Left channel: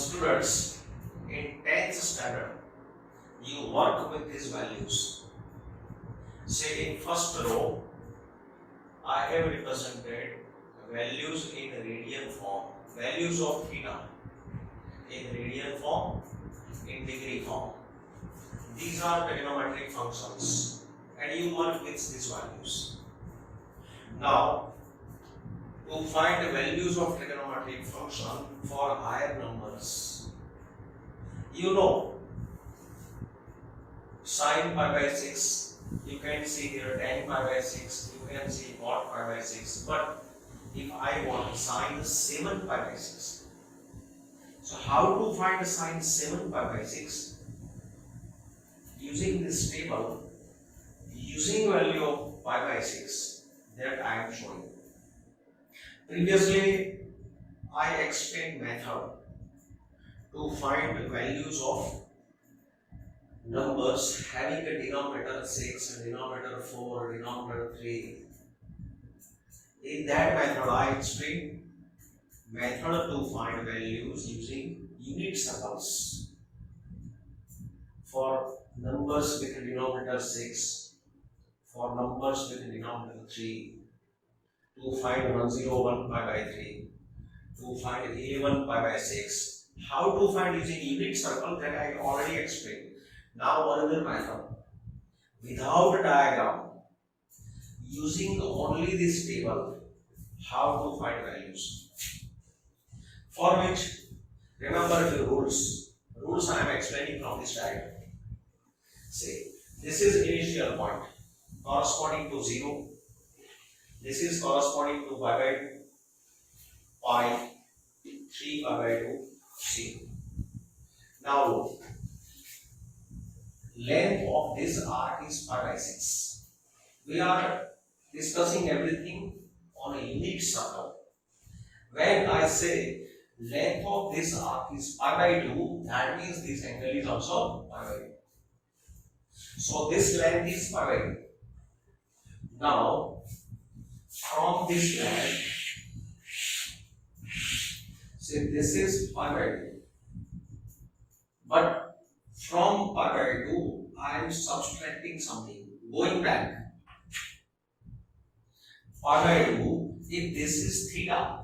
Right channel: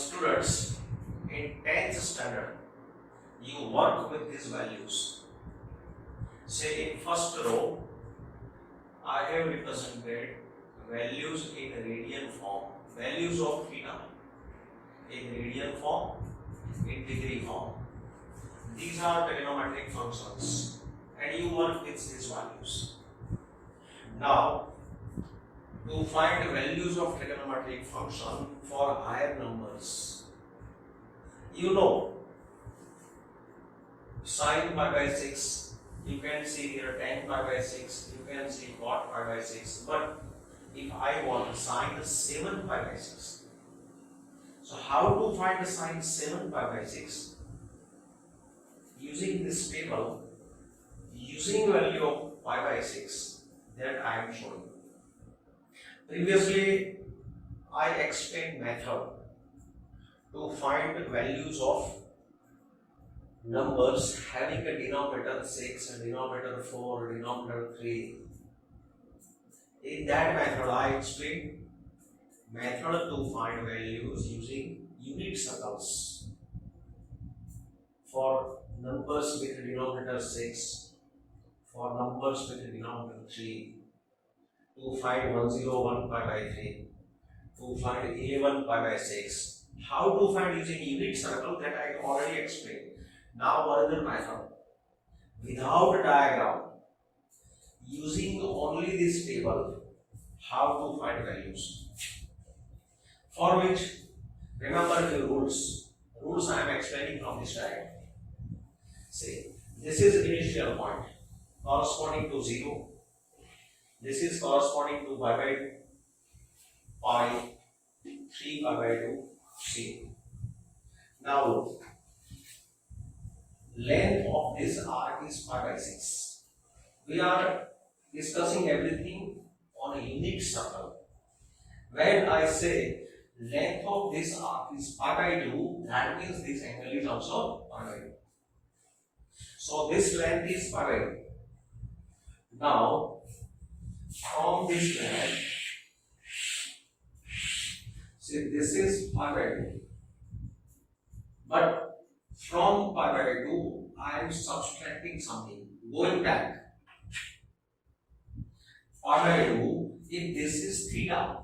students, in 10th standard, you work with these values. Say in first row, I have represented values in radian form, values of theta in radian form, in degree form. These are trigonometric functions and you work with these values. Now, to find values of trigonometric function for higher numbers, you know sin pi by 6, you can see here tan pi by 6, you can see cot pi by 6, but if I want sin 7 pi by 6, so how to find sin 7 pi by 6? Using this table, using value of pi by 6 that I am showing. Previously, I explained method to find values of numbers having a denominator 6, a denominator 4, a denominator 3. In that method, I explained method to find values using unit circles for numbers with denominator 6, for numbers with denominator 3, to find 101 pi by 3, to find 11 pi by 6. How to find using unit circle, that I already explained. Now another method, without a diagram, using only this table, how to find values. For which, remember the rules. Rules I am explaining from this diagram. Say, this is initial point corresponding to 0. This is corresponding to pi by 2, pi, 3 pi by 2, 0. Now look, length of this arc is pi by 6. We are discussing everything on a unit circle. When I say length of this arc is pi by 2, that means this angle is also pi by 2. So this length is pi by 2. Now, from this length, say this is pi by 2. But from pi by 2, I am subtracting something, going back. Pi by 2, if this is theta,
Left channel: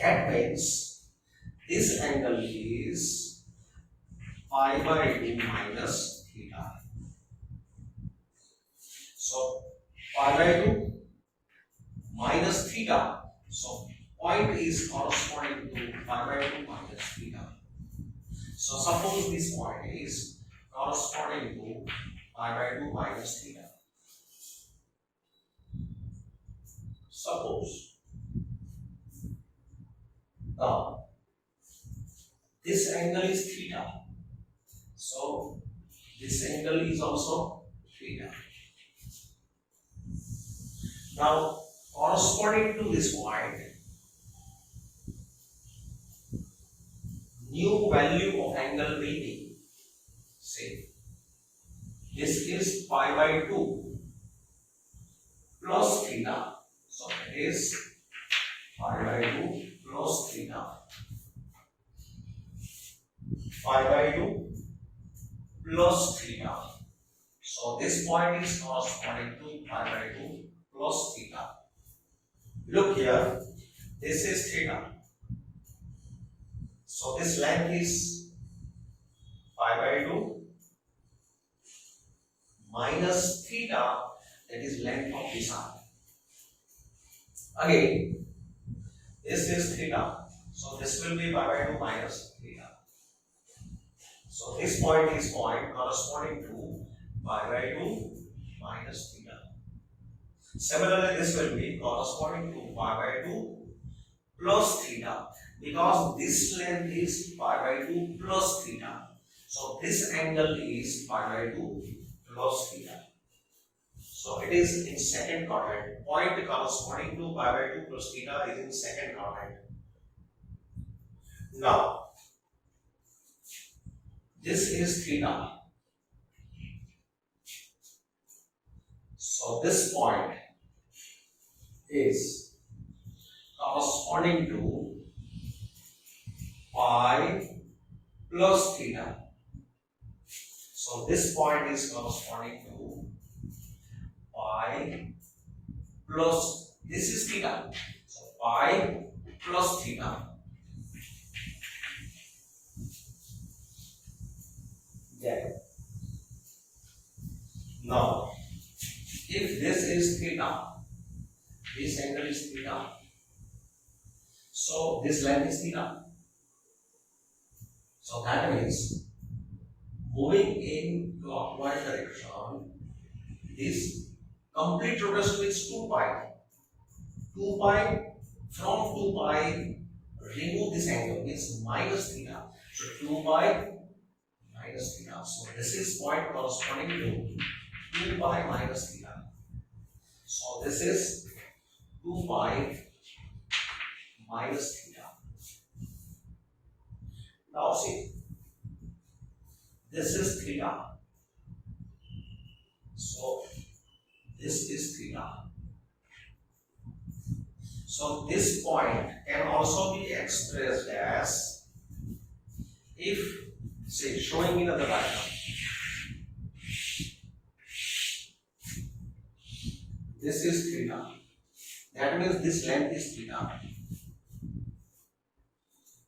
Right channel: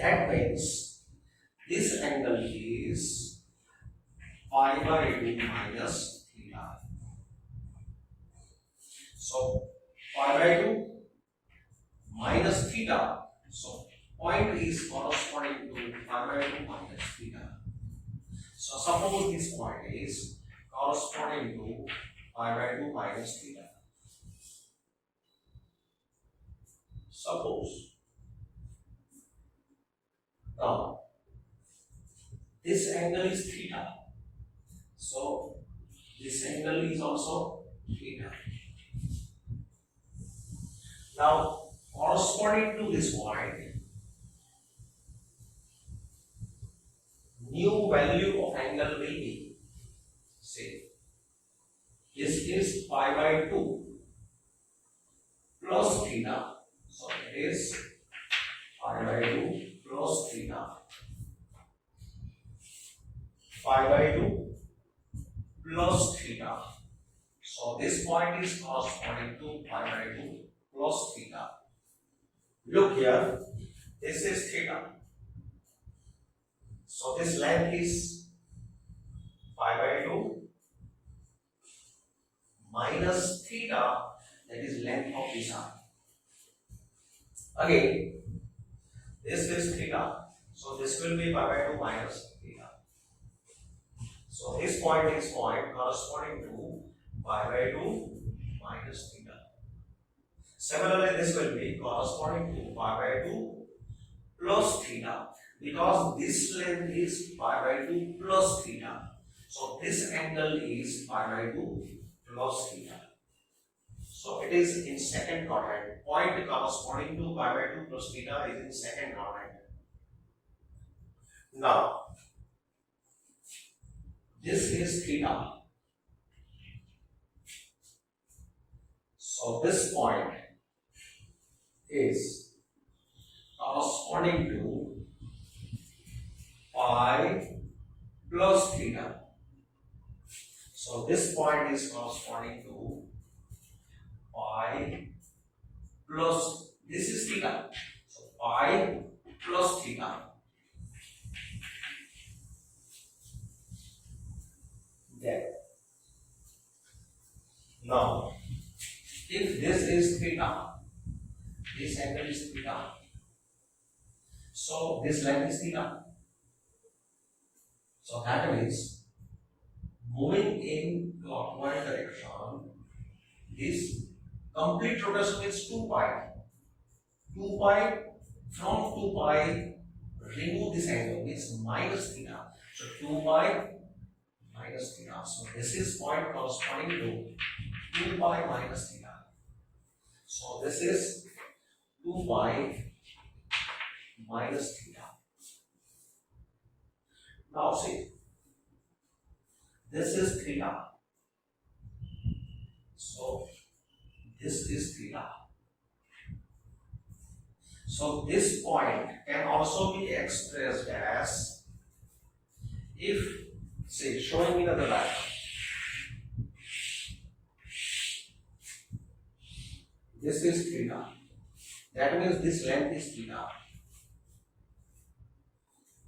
that means this angle is pi by 2 minus theta. So pi by 2 minus theta. So point is corresponding to pi by 2 minus theta. So suppose this point is corresponding to pi by 2 minus theta. Suppose. Now, this angle is theta. So this angle is also theta. Now, corresponding to this point, new value of angle will be, say, this is pi by 2 plus theta. So it is pi by 2 plus theta. Pi by 2 plus theta. So this point is corresponding to pi by 2 plus theta. Look here, this is theta. So this length is pi by 2 minus theta, that is length of this arc. Again, this is theta. So this will be pi by 2 minus theta. So this point is point corresponding to pi by 2 minus theta. Similarly, this will be corresponding to pi by 2 plus theta, because this length is pi by 2 plus theta. So this angle is pi by 2 plus theta. So it is in second quadrant. Point corresponding to pi by 2 plus theta is in second quadrant. Now, this is theta. So this point is corresponding to pi plus theta. So this point is corresponding to pi plus, this is theta. So pi plus theta. Yeah. Now, if this is theta, this angle is theta, so this length is theta. So that means moving in clockwise direction, this complete rotation is 2 pi. 2 pi, from 2 pi, remove this angle, means minus theta. So 2 pi minus theta. So this is point corresponding to 2 pi minus theta. So this is 2 pi minus theta. Now see, this is theta. So this is theta. So this point can also be expressed as, if, say, showing me the diagram. This is theta. That means this length is theta.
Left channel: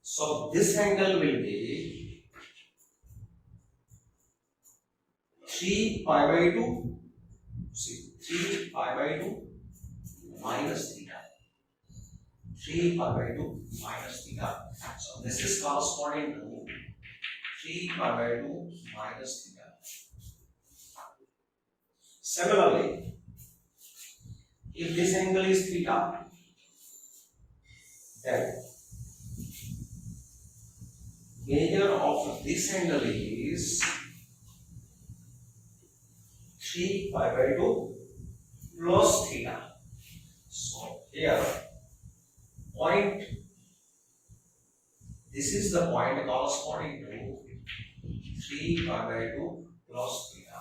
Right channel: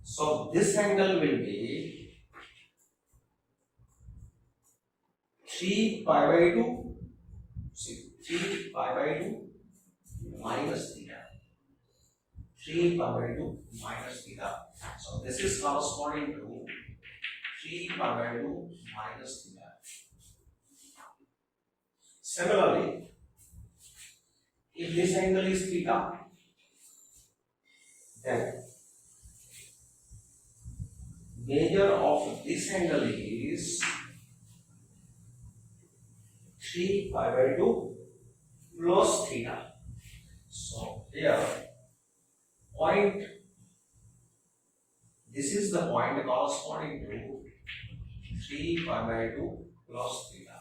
So this angle will be 3 pi by 2. See, 3 pi by 2 minus theta. 3 pi by 2 minus theta. So this is corresponding to 3 pi by 2 minus theta. Similarly, if this angle is theta, then measure of this angle is 3 pi by 2 plus theta. So here, point, this is the point corresponding to 3 pi by 2 plus theta.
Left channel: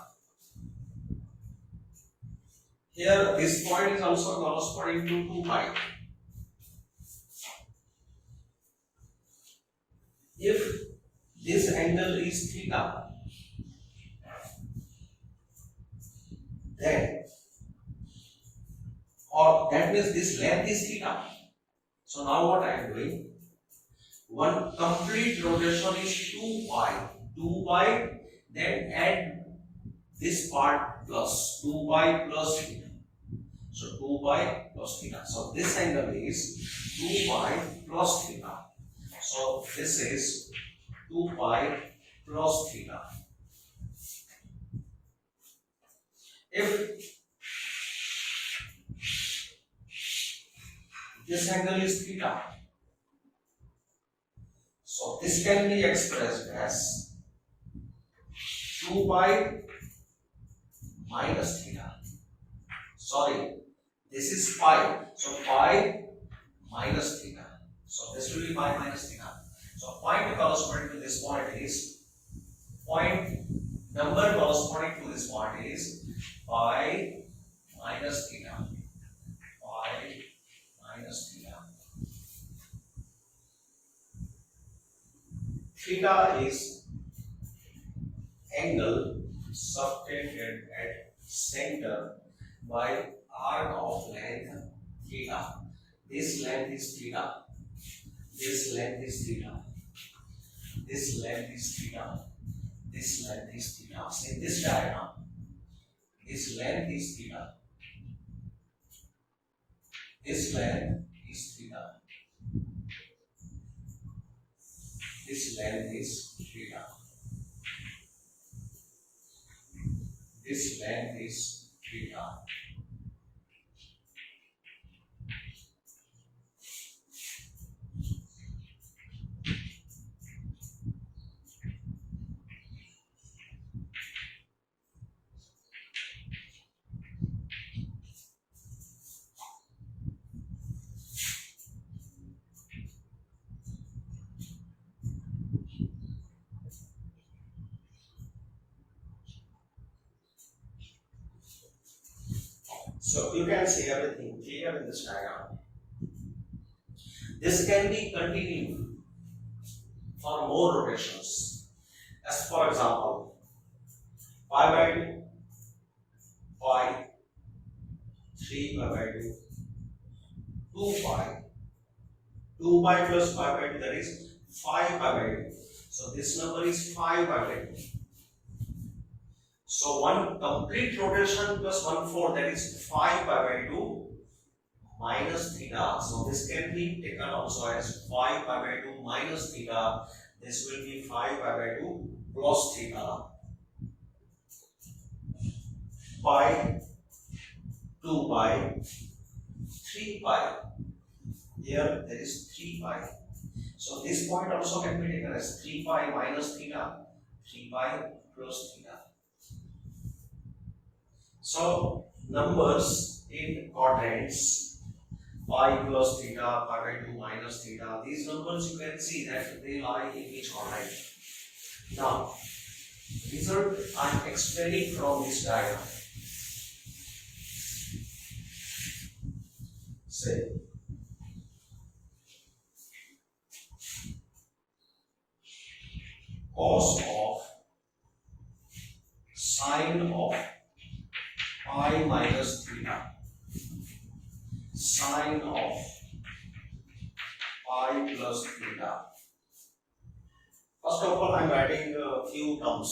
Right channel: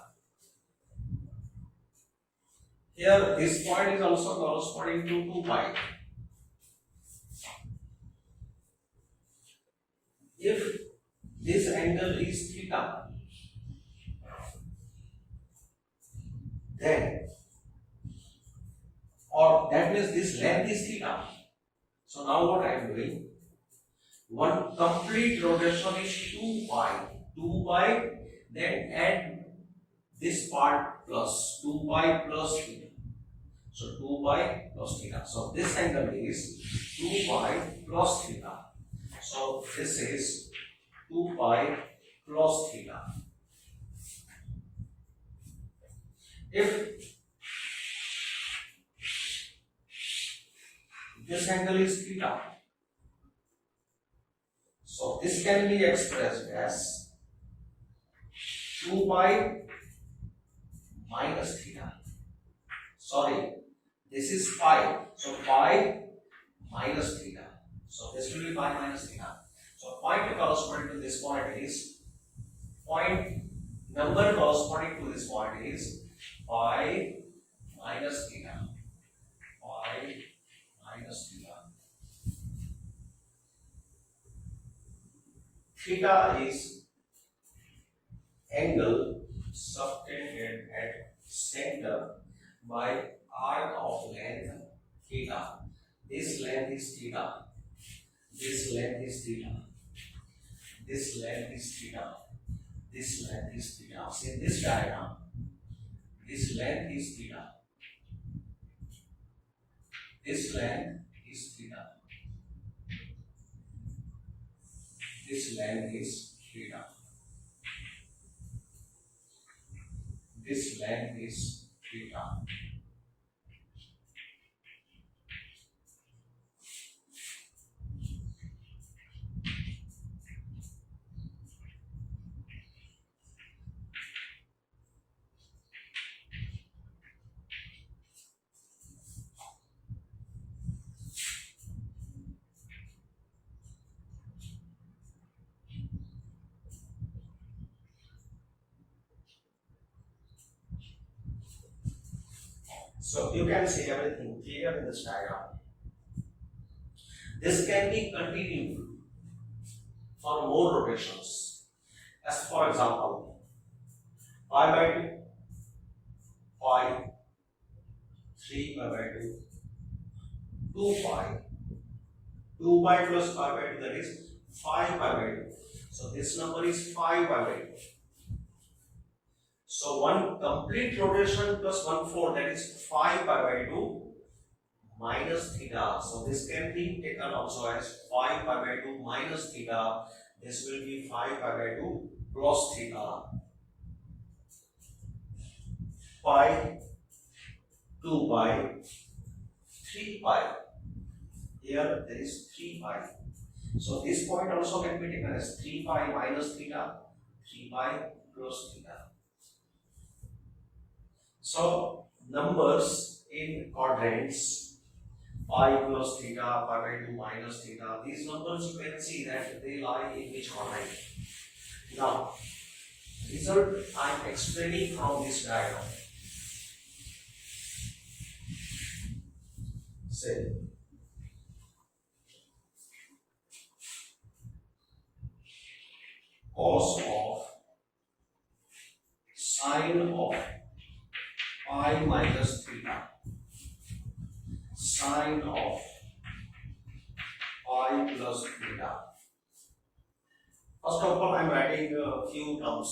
Here, this point is also corresponding to 2 pi. If this angle is theta, then, or that means this length is theta. So now what I am doing, one complete rotation is 2 pi. 2 pi, then add this part plus 2 pi plus theta. So 2 pi plus theta. So this angle is 2 pi plus theta. So this is 2 pi plus theta. If this angle is theta, so this can be expressed as 2 pi minus theta. Sorry, this is pi. So pi minus theta. So this will be pi minus theta. So point corresponding to this point is, point number corresponding to this point is pi minus theta. Pi minus theta. Theta is angle subtended at center by arc of length theta. This length is theta. This length is theta. This length is theta. This length is theta. See this diagram. This length is theta. This length is theta. This length is theta. This length is theta. So you can see everything clear in this diagram. This can be continued for more rotations. As for example, pi by 2, pi, 3 pi by 2, 2 pi, 2 pi plus pi by 2, that is 5 pi by 2. So this number is 5 pi by 2. So one complete rotation plus 1/4, that is 5 pi by 2 minus theta. So this can be taken also as 5 pi by 2 minus theta. This will be 5 pi by 2 plus theta. Pi, 2 pi, 3 pi. Here there is 3 pi. So this point also can be taken as 3 pi minus theta, 3 pi plus theta. So numbers in quadrants, pi plus theta, pi by 2 minus theta, these numbers you can see that they lie in which quadrant. Now, result I am explaining from this diagram. Say, cos of sine of pi minus theta, sine of pi plus theta. First of all, I am writing a few terms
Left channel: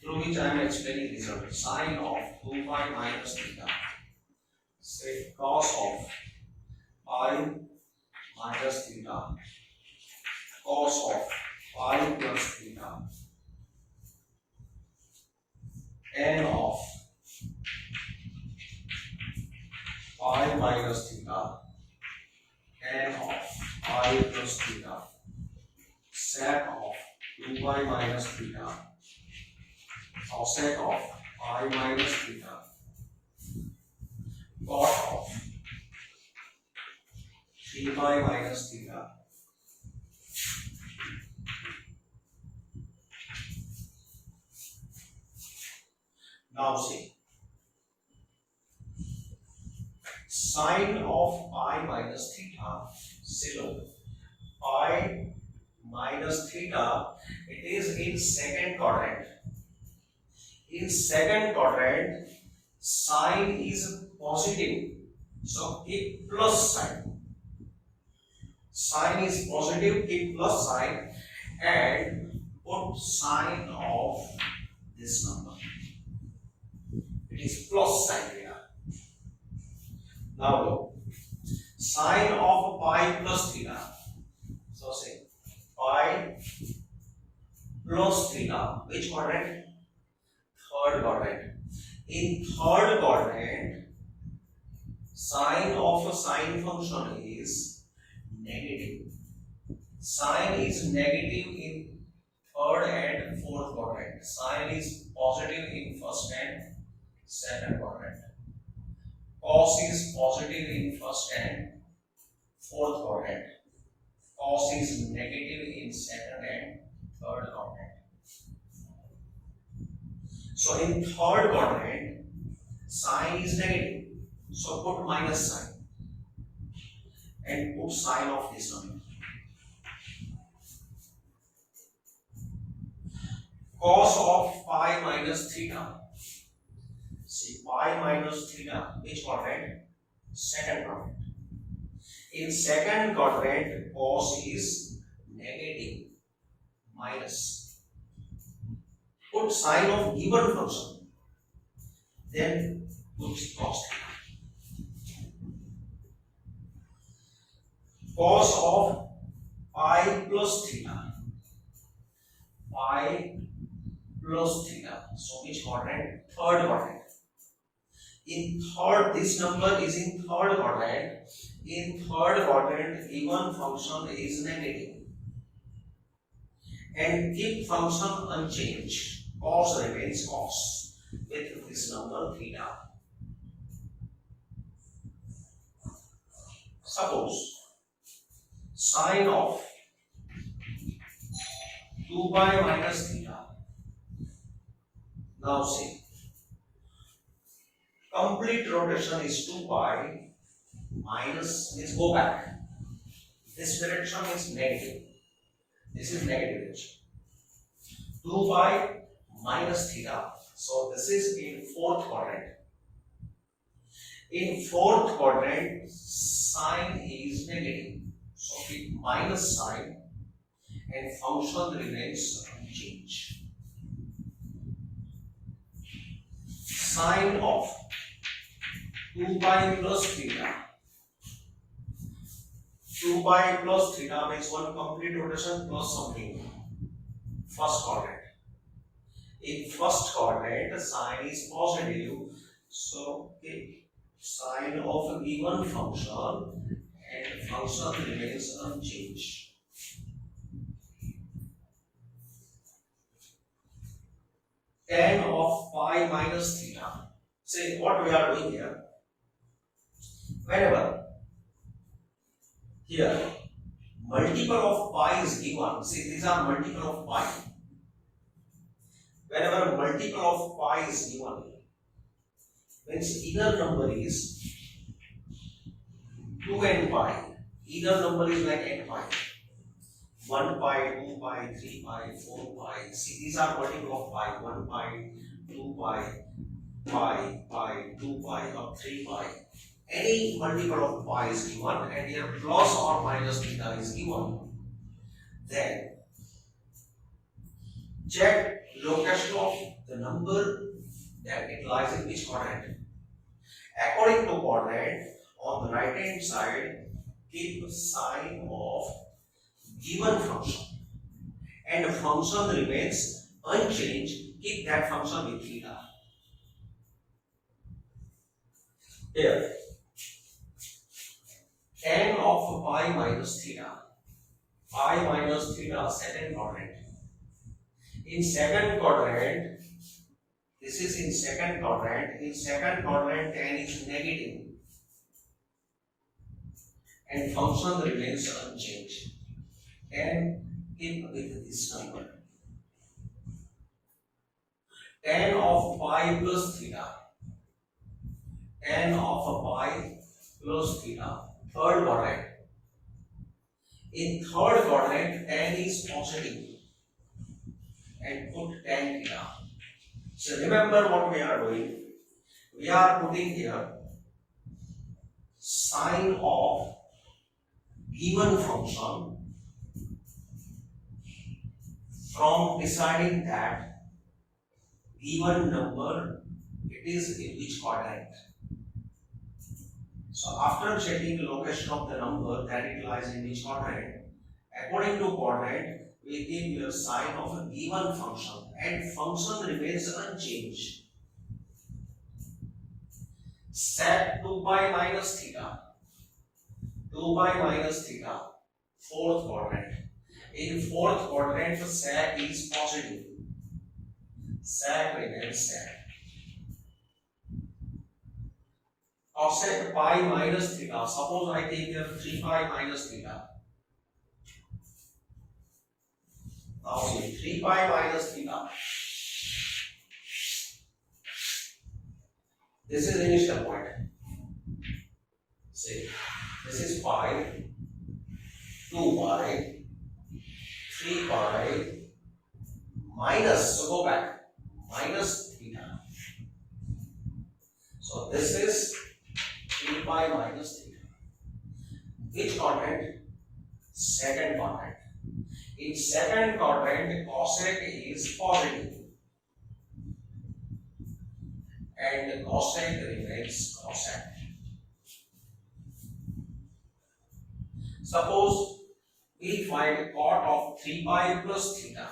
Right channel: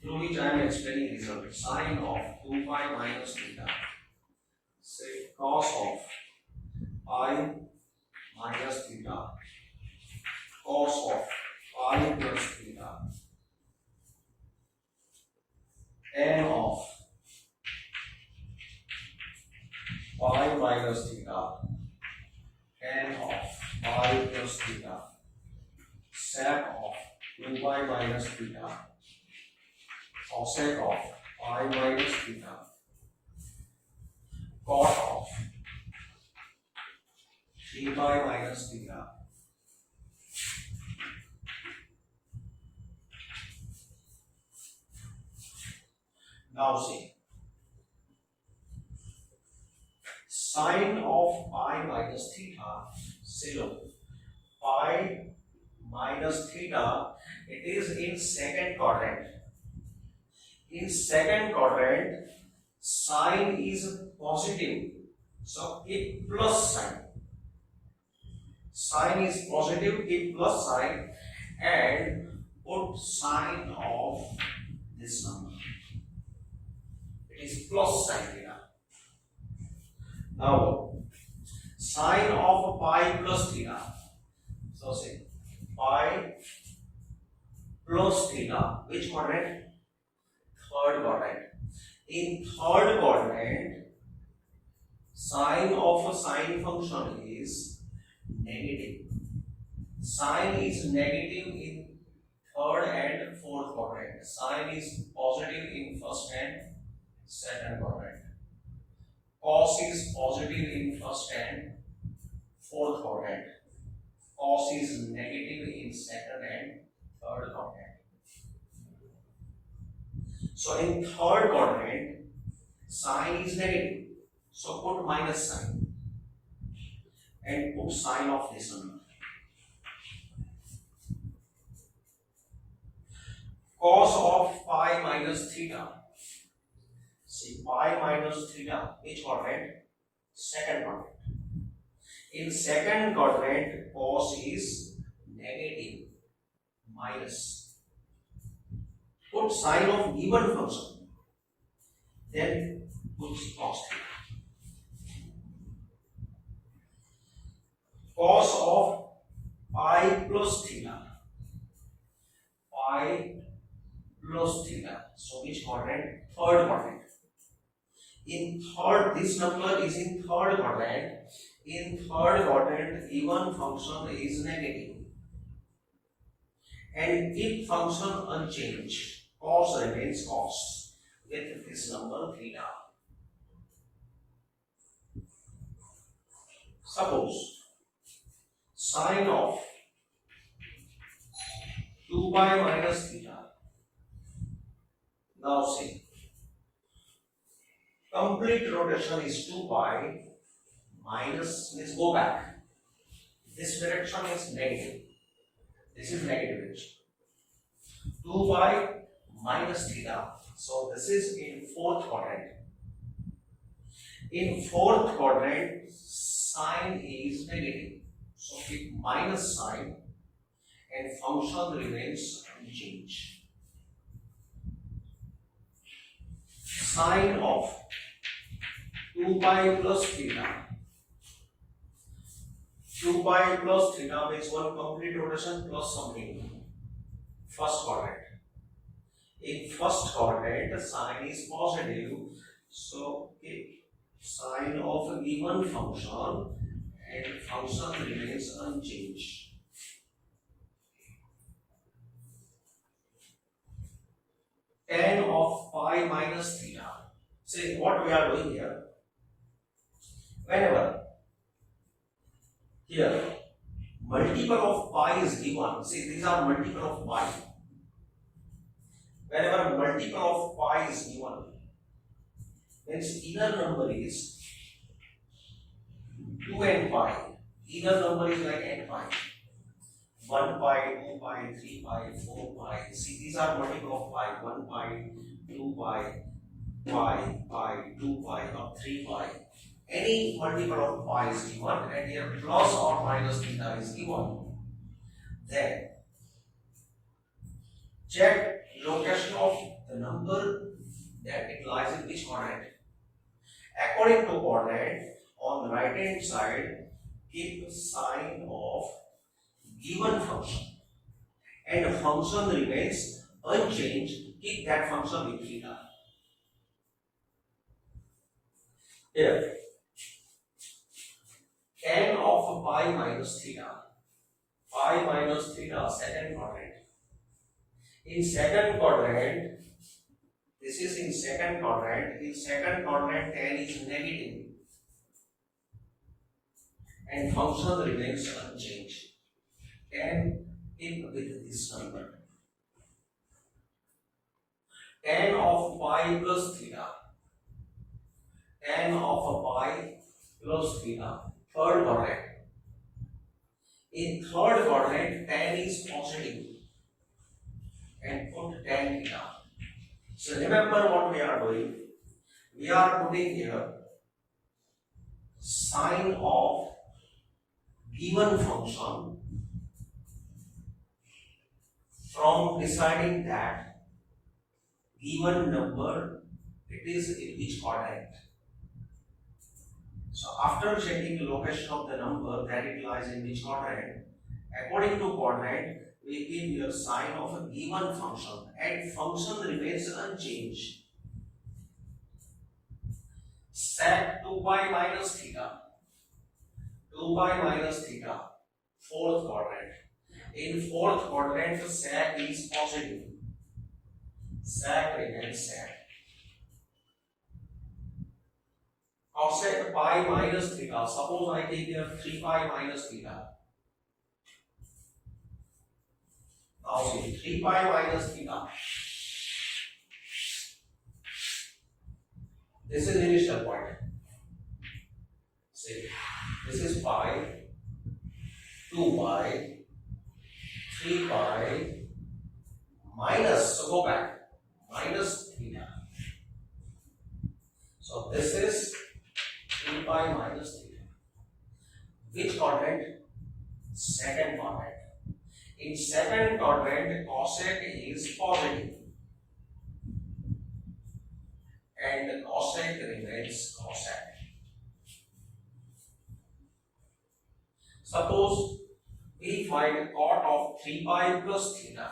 through which I am explaining result. Sine of 2 pi minus theta. Say cos of pi minus theta, cos of pi plus theta, n of pi minus theta, n of pi plus theta, sec of 2 pi minus theta, cosec of pi minus theta, cot of 3 pi minus theta. Now see, sine of pi minus theta, say look, pi minus theta, it is in second quadrant. In second quadrant, sine is positive, so keep plus sign. Sine is positive, keep plus sign and put sine of this number. It is plus sign here. Now look, sine of pi plus theta. So say pi plus theta. Which quadrant? Third quadrant. In third quadrant, sine of a sine function is negative. Sine is negative in third and fourth quadrant. Sine is positive in first and second quadrant. Cos is positive in first and fourth quadrant. Cos is negative in second and third quadrant. So in third quadrant, sine is negative. So put minus sign and put sine of this number. Cos of pi minus theta. See, pi minus theta, which quadrant? Second quadrant. In second quadrant, cos is negative, minus. Put sine of given function, then put cos theta. Cos of pi plus theta, pi plus theta. So which quadrant? Third quadrant. In third, this number is in third quadrant. In third quadrant, even function is negative. And keep function unchanged. Cos remains cos with this number theta. Suppose sine of 2 pi minus theta. Now see, complete rotation is 2 pi minus, let's go back. This direction is negative. This is negative direction. 2 pi minus theta. So this is in fourth quadrant. In fourth quadrant, sign is negative. So keep minus sign and function remains unchanged. Sine of 2 pi plus theta. 2 pi plus theta means one complete rotation plus something. First quadrant. In first quadrant, sine is positive. So, okay, sine of a given function and function remains unchanged. Tan of pi minus theta. See what we are doing here. Whenever here multiple of pi is given, see these are multiple of pi. Whenever multiple of pi is given, means either number is 2 and pi. Either number is like n pi. 1 pi, 2 pi, 3 pi, 4 pi. See these are multiple of pi. 1 pi, 2 pi, pi, 2 pi or 3 pi. Any multiple of pi is given and here plus or minus theta is given. Then check location of the number that it lies in which quadrant. According to quadrant, on the right hand side, keep sign of given function and the function remains unchanged, keep that function with theta. Here, tan of pi minus theta. Pi minus theta, second quadrant. In second quadrant, this is in second quadrant. In second quadrant, tan is negative and function remains unchanged. Tan keep with this number. Tan of pi plus theta. Tan of pi plus theta. Third quadrant. In third quadrant, tan is positive and put tan theta. So remember what we are doing. We are putting here sine of given function from deciding that given number it is in which quadrant. So after checking the location of the number that it lies in which quadrant, according to quadrant, we give here sign of a given function and function remains unchanged. Sec 2 pi minus theta. 2 pi minus theta. Fourth quadrant. In fourth quadrant, sec is positive. Sec remains sec. Cosec pi minus theta. Suppose I take here 3 pi minus theta. Now see 3 pi minus theta. This is initial point. See, this is pi, 2 pi, 3 pi, minus, so go back, minus theta. So this is 3 pi minus theta. Which quadrant? Second quadrant. In second quadrant, cosec is positive and cosec remains cosec. Suppose we find cot of 3 pi plus theta.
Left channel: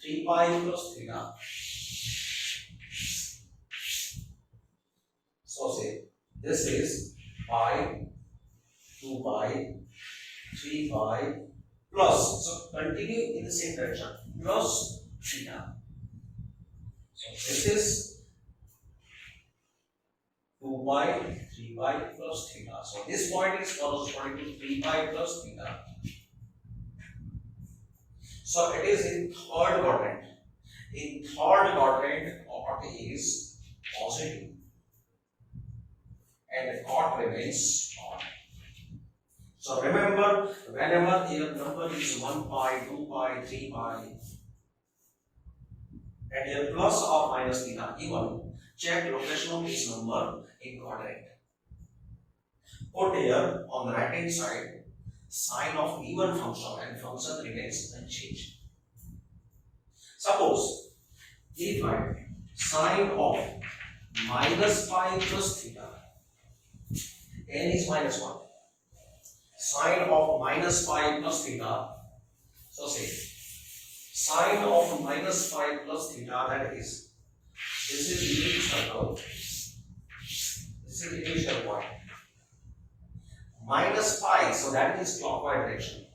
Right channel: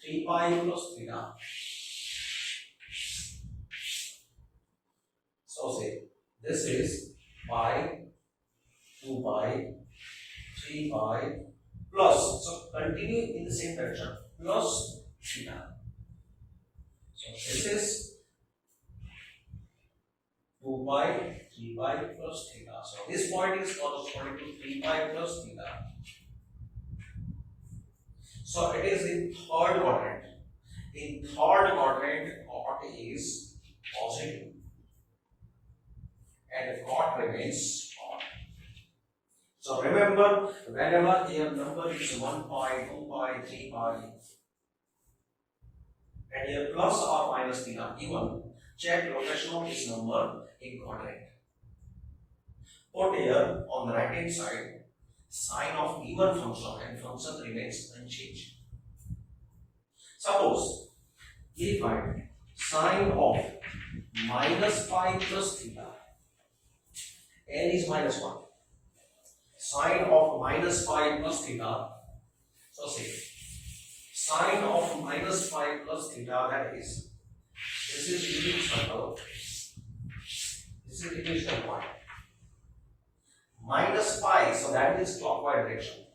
3 pi plus theta. So say this is pi, 2 pi, 3 pi plus. So continue in the same direction. Plus theta. So this is 2 pi, 3 pi plus theta. So this point is corresponding to 3 pi plus theta. So it is in third quadrant. In third quadrant, cot is positive and cot remains cot. So remember, whenever your number is 1 pi, 2 pi, 3 pi, and here plus or minus theta given, check location of this number in quadrant. Put here on the right hand side sign of given function and function remains unchanged. Suppose if I sine of minus pi plus theta, n is minus 1, sine of minus pi plus theta, so say sine of minus pi plus theta, that is, this is unit circle, this is initial point, minus pi, so that is clockwise direction,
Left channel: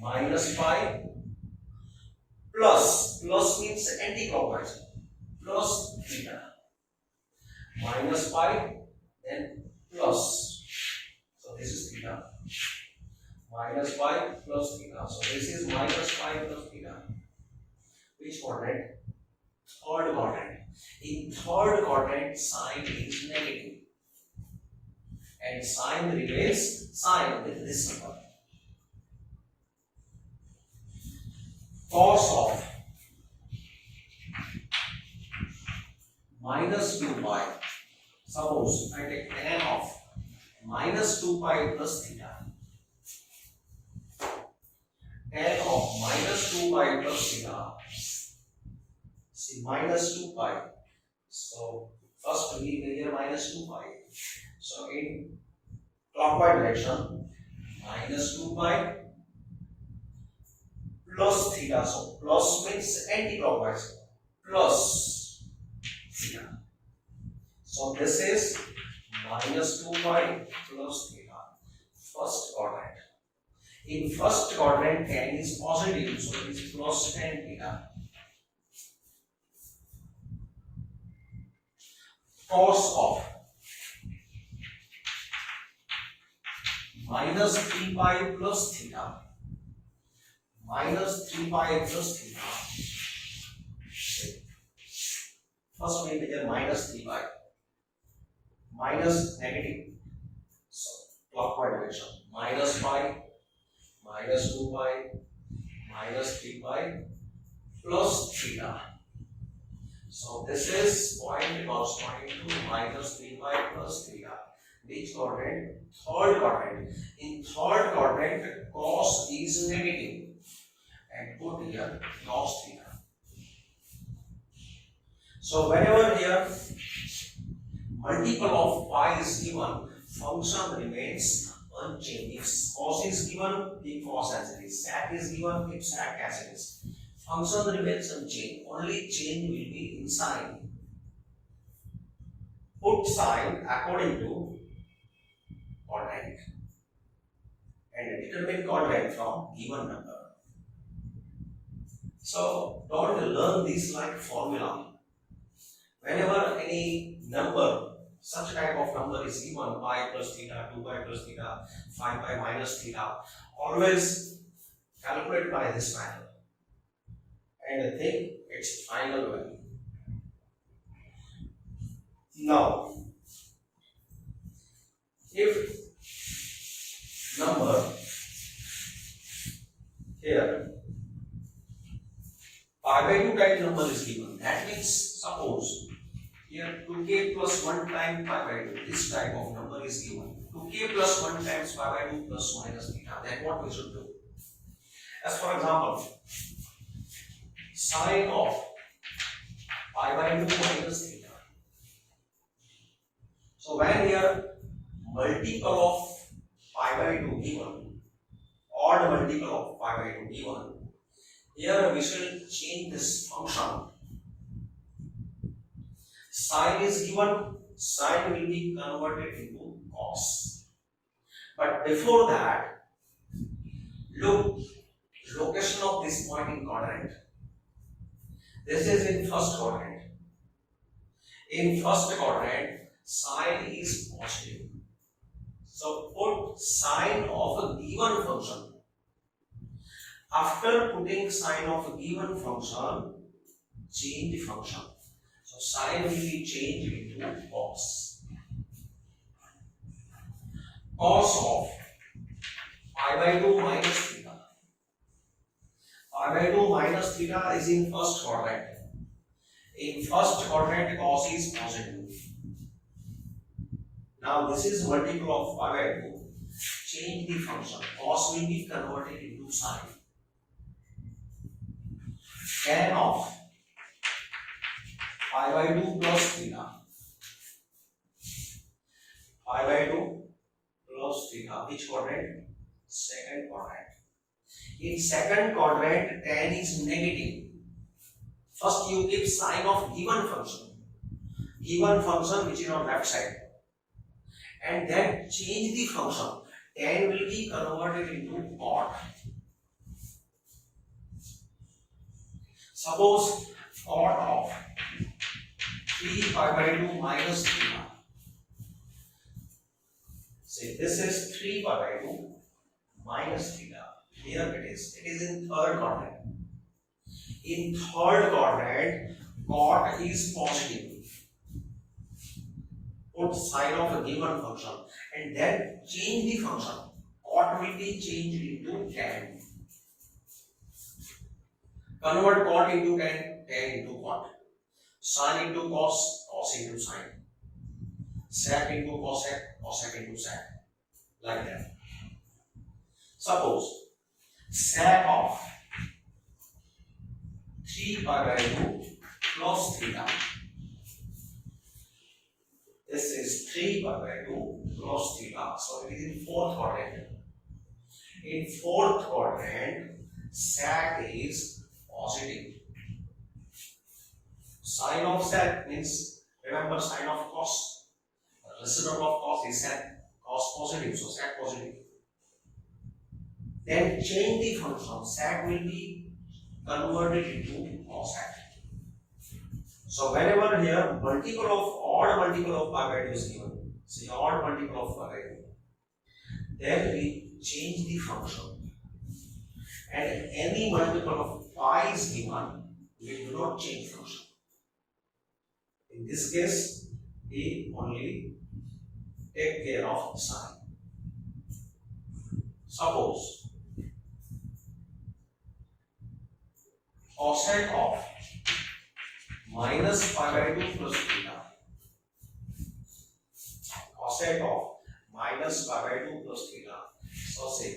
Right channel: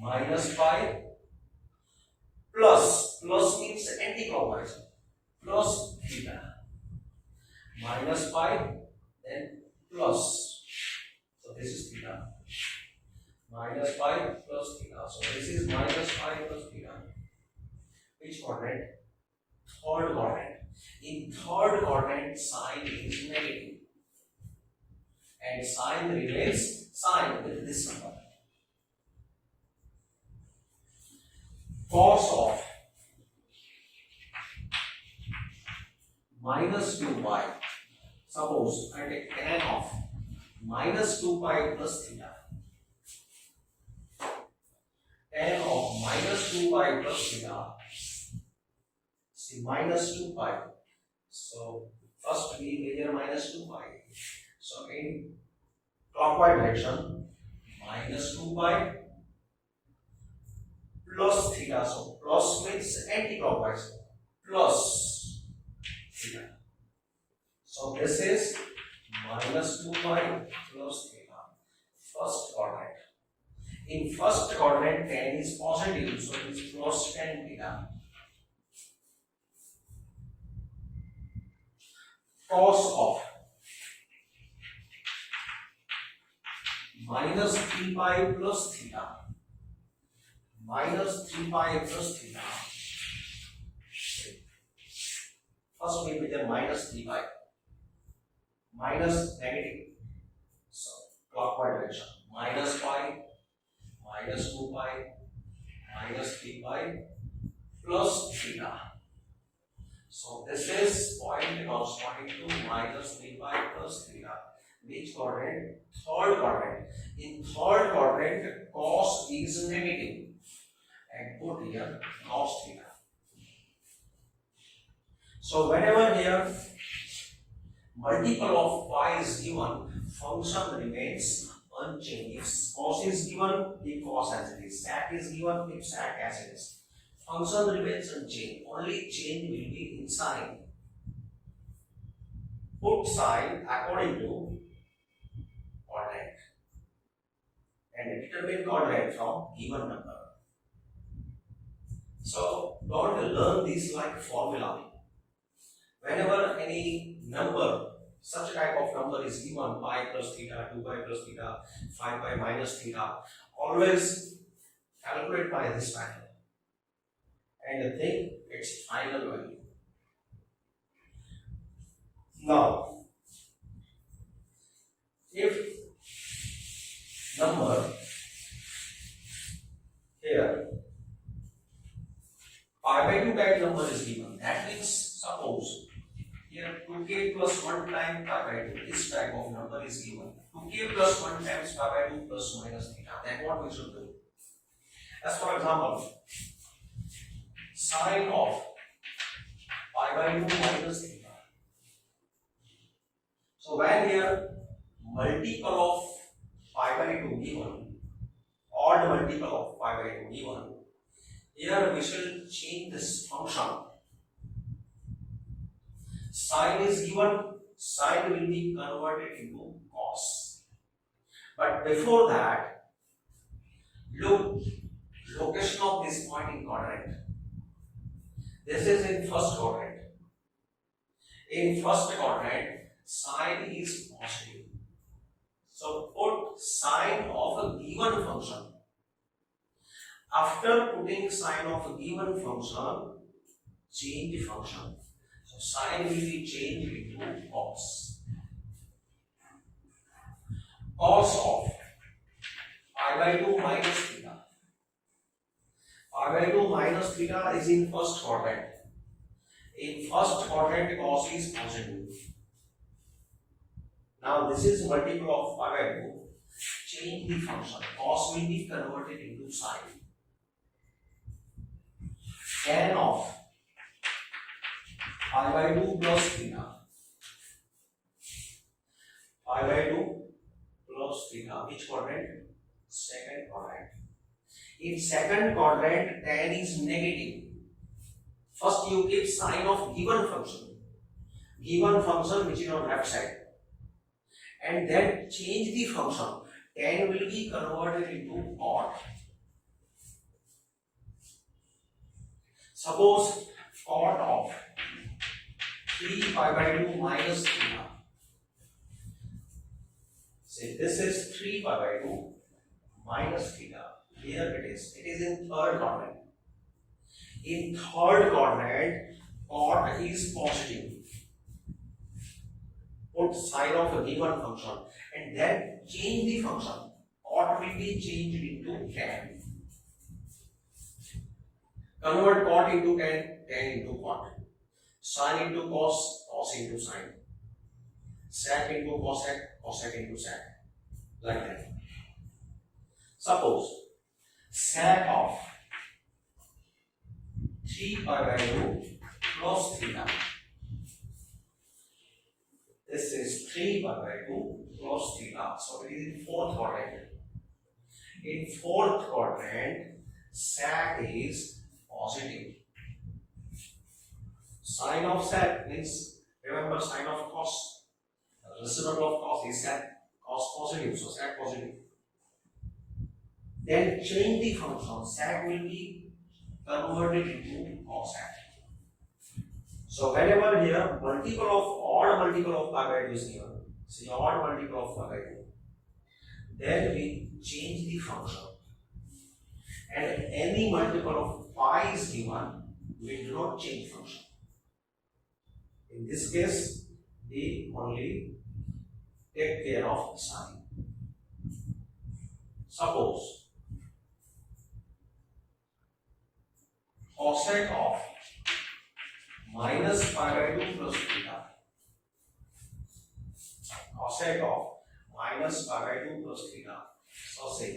minus pi plus means anti-clockwise, plus theta, minus pi then plus, so this is theta, minus pi plus theta, so this is minus pi plus theta. Which quadrant? Third quadrant. In third quadrant sine is negative and sine remains sine with this number. Cos of minus 2 pi, suppose I take tan of minus 2 pi plus theta, tan of minus 2 pi plus theta, see minus 2 pi, so first we measure minus 2 pi, so in clockwise direction minus 2 pi plus theta, so plus means anti-clockwise, plus theta, so this is minus 2 pi plus theta, first quadrant. In first quadrant tan is positive, so it is plus tan theta. Cos of minus 3 pi plus theta, minus 3 pi plus theta, first we measure minus 3 pi, minus negative, so clockwise direction, minus pi, minus 2 pi, minus 3 pi plus theta. So this is point because point 2 minus 3 pi plus theta. Which quadrant? Third quadrant. In third quadrant cos is negative and put here cos theta. So whenever here multiple of pi is given, function remains unchanged. If cos is given, keep cos as it is. Sec is given, keep sec as it is. Function remains unchanged. Only change will be in sign. Put sign according to quadrant and determine quadrant from given number. So don't learn this like formula. Whenever any number, such type of number is given, pi plus theta, 2 pi plus theta, 5 pi minus theta, always calculate by this manner and think its final value. Now, if number here pi by 2 type number is given, that means suppose here 2k plus 1 times pi by 2, this type of number is given, 2k plus 1 times pi by 2 plus minus theta, then what we should do? As for example, sine of pi by 2 minus theta. So when here multiple of pi by 2 given, odd multiple of pi by 2 given, here we shall change this function. Sine is given, sine will be converted into cos. But before that, look, location of this point in quadrant. This is in first quadrant. In first quadrant, sine is positive. So put sine of a given function. After putting sine of a given function, change the function. So sine will be changed into cos. Cos of by 2 minus theta. Pi by 2 minus theta is in first quadrant. In first quadrant, cos is positive. Now this is multiple of pi by 2. Change the function. Cos will be converted into sine. Tan of pi by 2 plus theta. Pi by 2 plus theta. Which quadrant? Second quadrant. In second quadrant, tan is negative. First you keep sine of given function which is on left side, and then change the function. Tan will be converted into cot. Suppose cot of 3 pi by 2 minus theta. Say this is 3 pi by 2 minus theta. Here it is in third quadrant. In third quadrant, cot is positive. Put sine of a given function and then change the function. Cot will be changed into tan. Convert cot into tan, tan into cot. Sine into cos, cos into sine. Sec into cosec, cosec into sec. Like that. Suppose sec of 3 pi by 2 plus theta. This is 3 pi by 2 plus theta. So it is in fourth quadrant. In fourth quadrant, sec is positive. Sine of sec means, remember, sine of cos. The reciprocal of cos is sec. Cos positive, so sec positive. Then change the function. Sec will be converted into cosec. So whenever here odd multiple of pi by 2 is given, say odd multiple of pi by 2, then we change the function. And any multiple of pi is given, we do not change function. In this case, we only take care of sine. Suppose cosec of minus pi by 2 plus theta. Cosec of minus pi by 2 plus theta. So say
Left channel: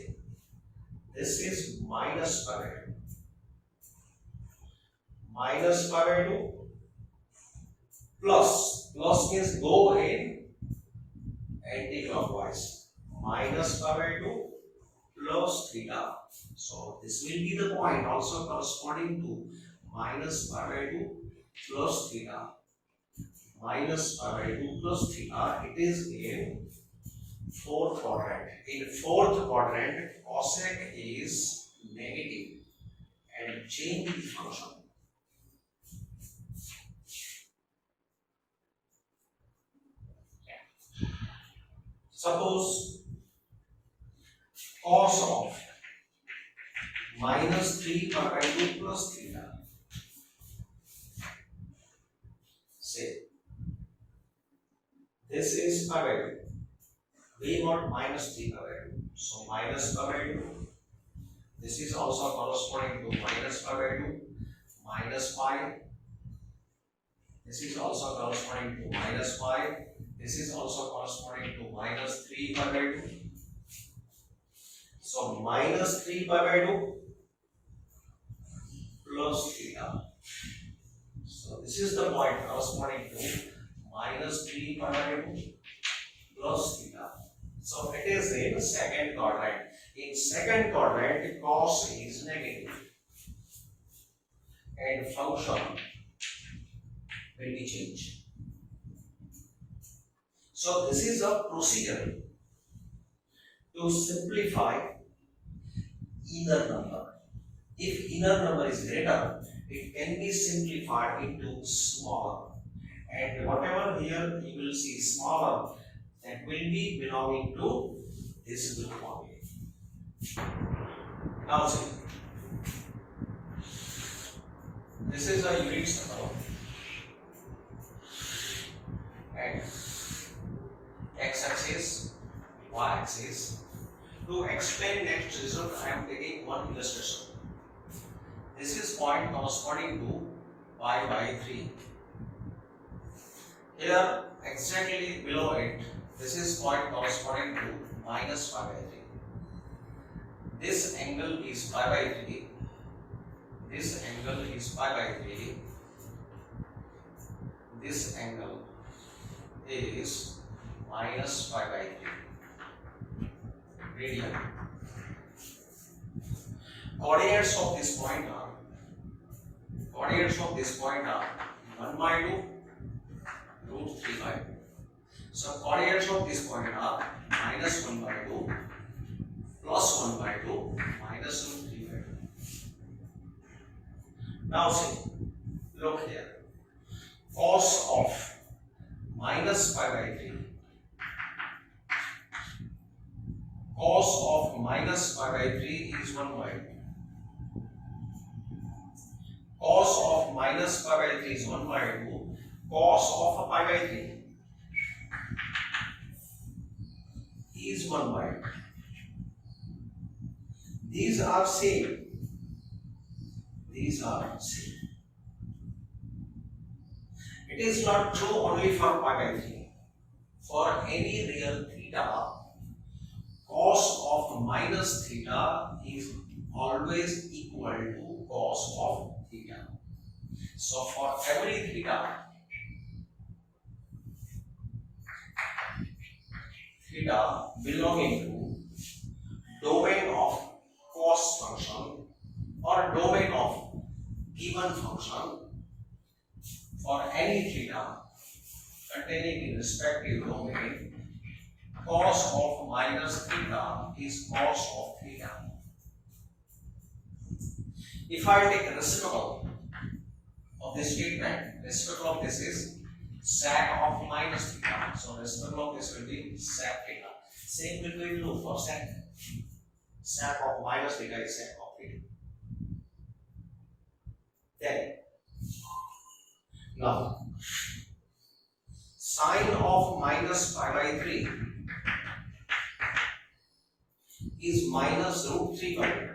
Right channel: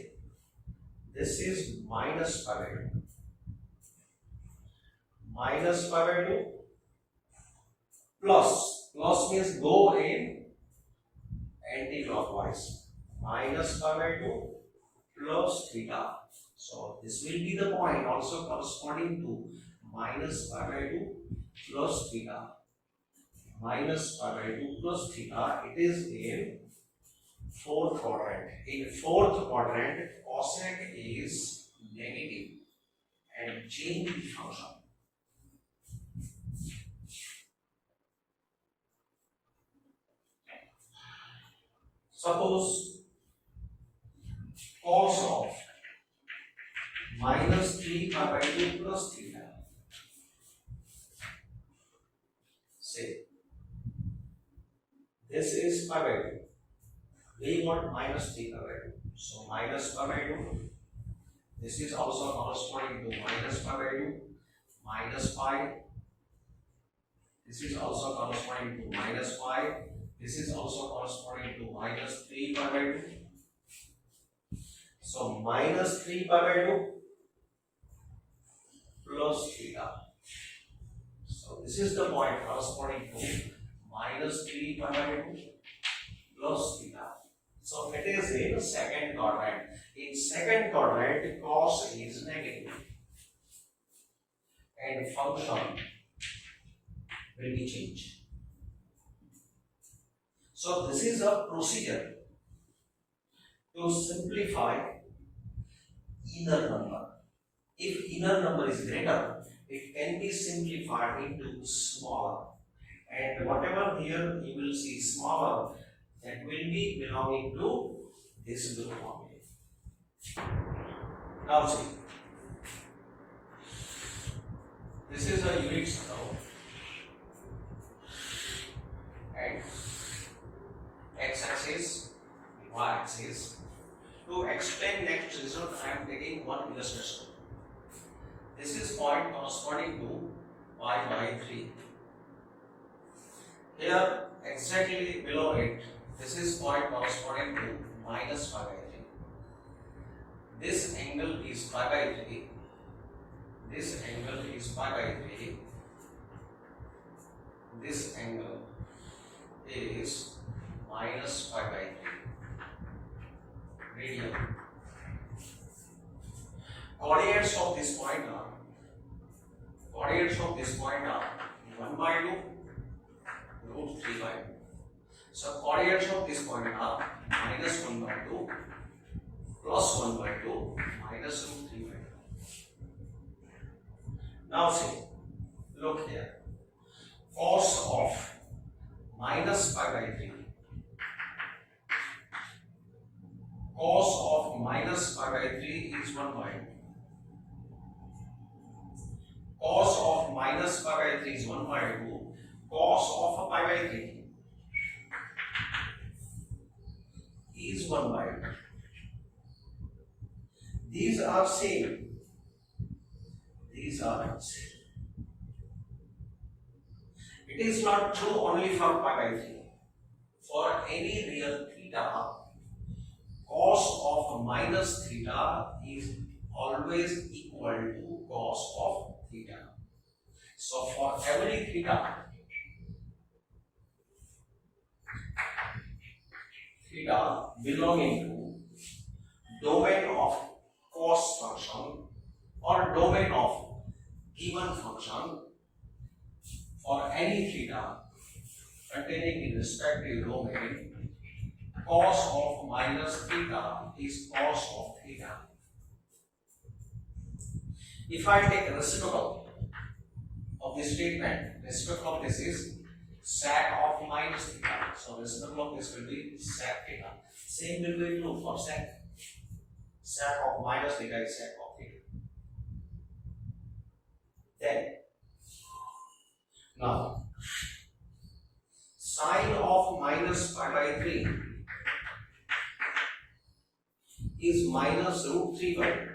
this is minus pi by 2. Minus pi by 2 plus means go in anti-clockwise. Minus pi by 2 plus theta. So this will be the point also corresponding to minus pi by 2 plus theta. Minus pi by 2 plus theta. It is in fourth quadrant. In fourth quadrant, cosec is negative, and change the function. Suppose cos of minus 3 pi by 2 plus theta. Say this is pi by 2. We got minus 3 pi by 2. So minus pi by 2. This is also corresponding to minus pi by 2. Minus pi. This is also corresponding to minus pi. This is also corresponding to minus 3 pi by 2. So minus 3 pi by 2 plus theta. So this is the point corresponding to minus 3 pi by 2 plus theta. So it is in second quadrant. In second quadrant, cos is negative and function will be changed. So this is a procedure to simplify inner number. If inner number is greater, it can be simplified into smaller, and whatever here you will see smaller, that will be belonging to this group only. Now see, this is a unit circle, and x-axis, y-axis, To explain next result, I am taking one illustration. This is point corresponding to pi by 3. Here, exactly below it, this is point corresponding to minus pi by 3. This angle is pi by 3. This angle is pi by 3. This angle is minus pi by 3 radian. Coordinates of this point are 1 by 2 root 3 by 2. So coordinates of this point are minus 1 by 2 plus 1 by 2 minus root 3 by 2. Now see, look here. Cos of minus pi by 3. Cos of minus pi by 3 is 1 by 2. Cos of minus pi by 3 is 1 by 2. Cos of pi by 3 is 1 by 2. These are same. These are same. It is not true only for pi by 3. For any real theta, cos of minus theta is always equal to cos of theta. So for every theta belonging to domain of cos function or domain of given function, for any theta containing the respective domain, cos of minus theta is cos of theta. If I take the reciprocal of this statement, reciprocal of this is sec of minus theta. So reciprocal of this will be sec theta. Same will be true for sec. Sec of minus theta is sec of theta. Then, now, sine of minus pi by 3 is minus root 3 by 2.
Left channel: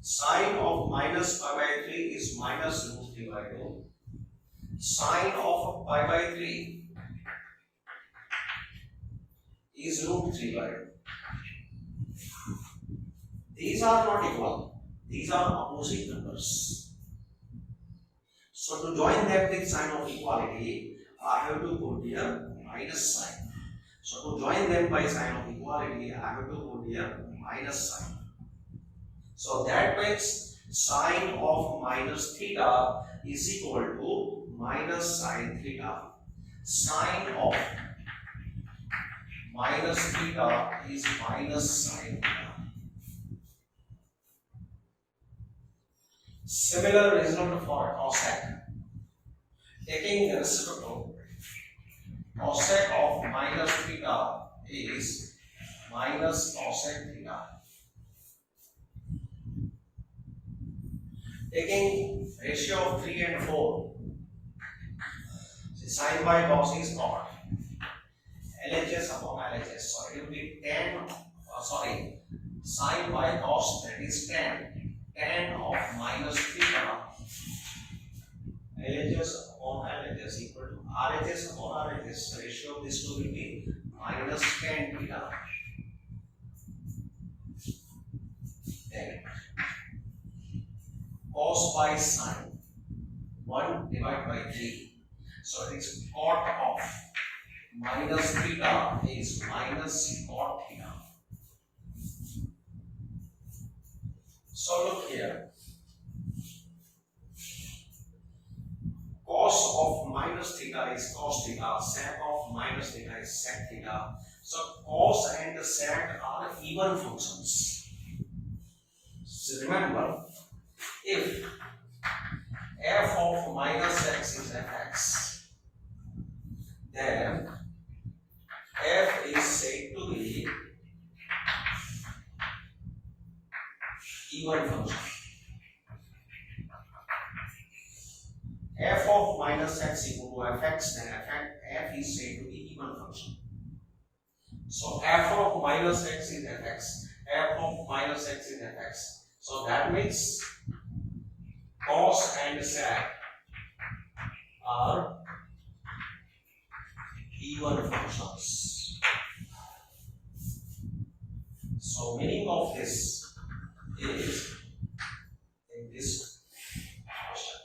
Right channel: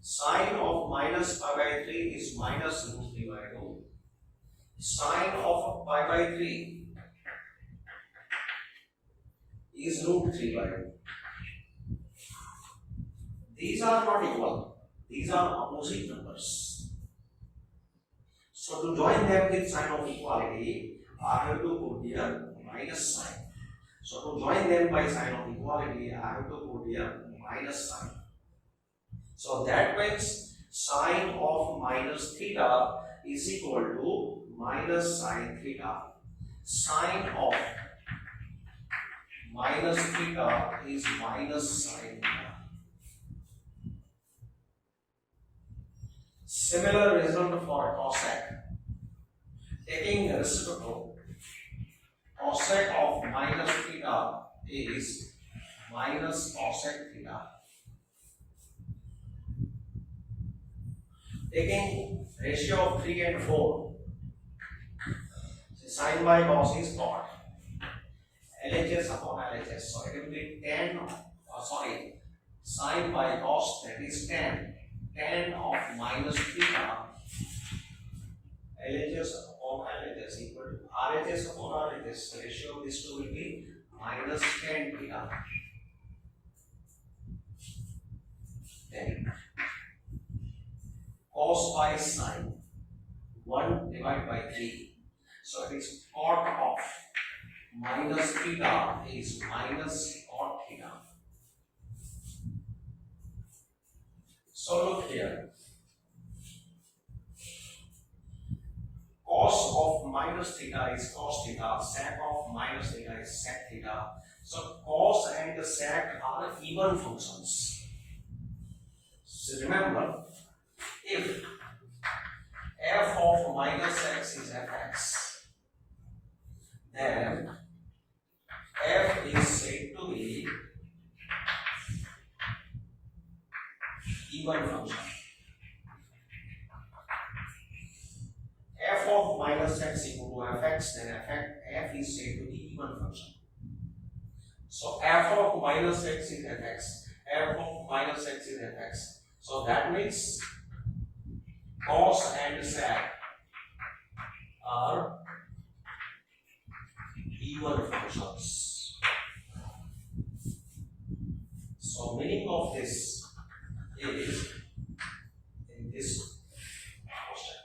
Sine of minus pi by 3 is minus root 3 by 2. Sine of pi by 3 is root 3 by 2. These are not equal. These are opposite numbers. So to join them with sign of equality, I have to put here minus sign. So to join them by sign of equality, I have to put here minus sign. So that means sine of minus theta is equal to minus sine theta. Sine of minus theta is minus sine theta. Similar result for cosec. Taking the reciprocal, cosec of minus theta is minus cosec theta. Taking ratio of 3 and 4, sine by cos is cot. LHS upon LHS. So it will be sine by cos, that is tan. Tan of minus theta, LHS upon LHS equal to RHS upon RHS. Ratio of these two will be minus tan theta. Then cos by sine, 1 divided by 3. So it is cot of minus theta is minus cot theta. So look here, cos of minus theta is cos theta, sec of minus theta is sec theta. So cos and sec are even functions. So remember, if f of minus x is fx, then f is said to be even function. F of minus x equal to fx, then f is said to be even function. So f of minus x is fx. F of minus x is fx. So that means cos and sec are even functions. So meaning of this is in this question.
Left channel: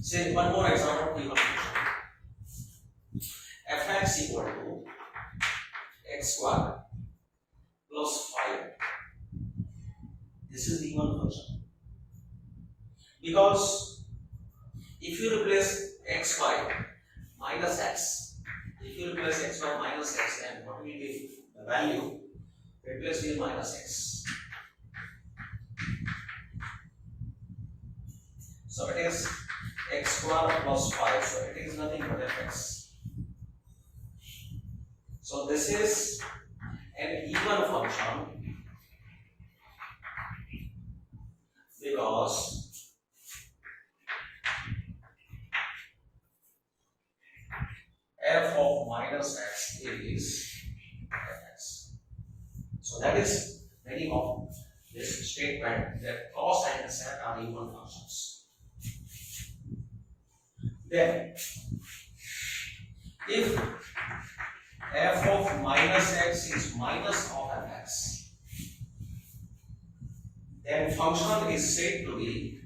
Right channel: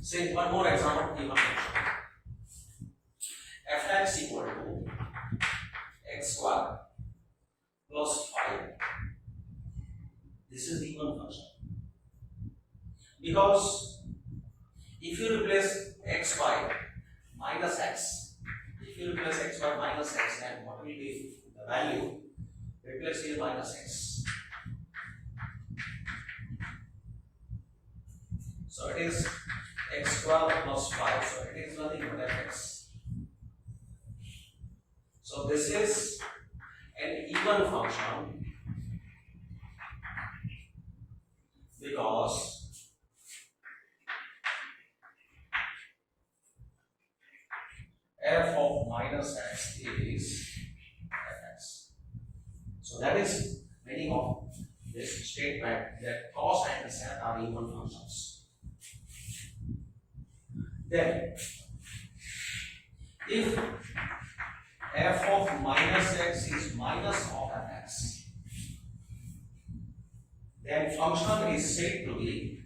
Say one more example of even function. Fx equal to x square plus 5. This is the even function. Because if you replace x by minus x, then what will be the value replaced with minus x? So it is x square plus 5, so it is nothing but fx. So this is an even function because f of minus x is fx. So that is meaning of this statement that cos and sec are even functions. Then if f of minus x is minus of fx, then function is said to be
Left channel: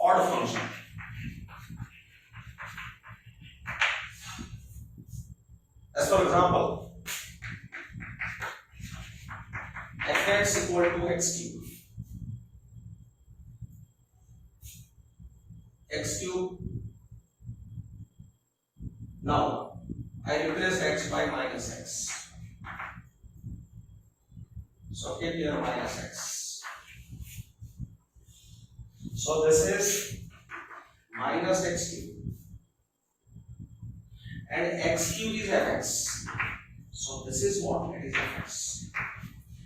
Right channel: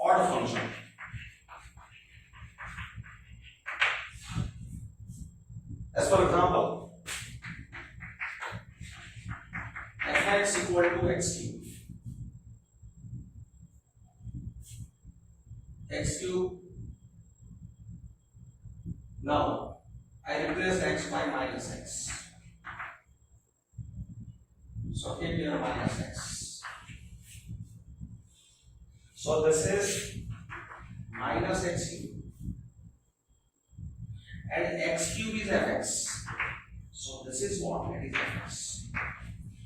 odd function. As for example, fx equal to x cube. X cube. Now I replace x by minus x. So keep here minus x. So this is minus x cube. And x cube is fx. So this is what? It is fx.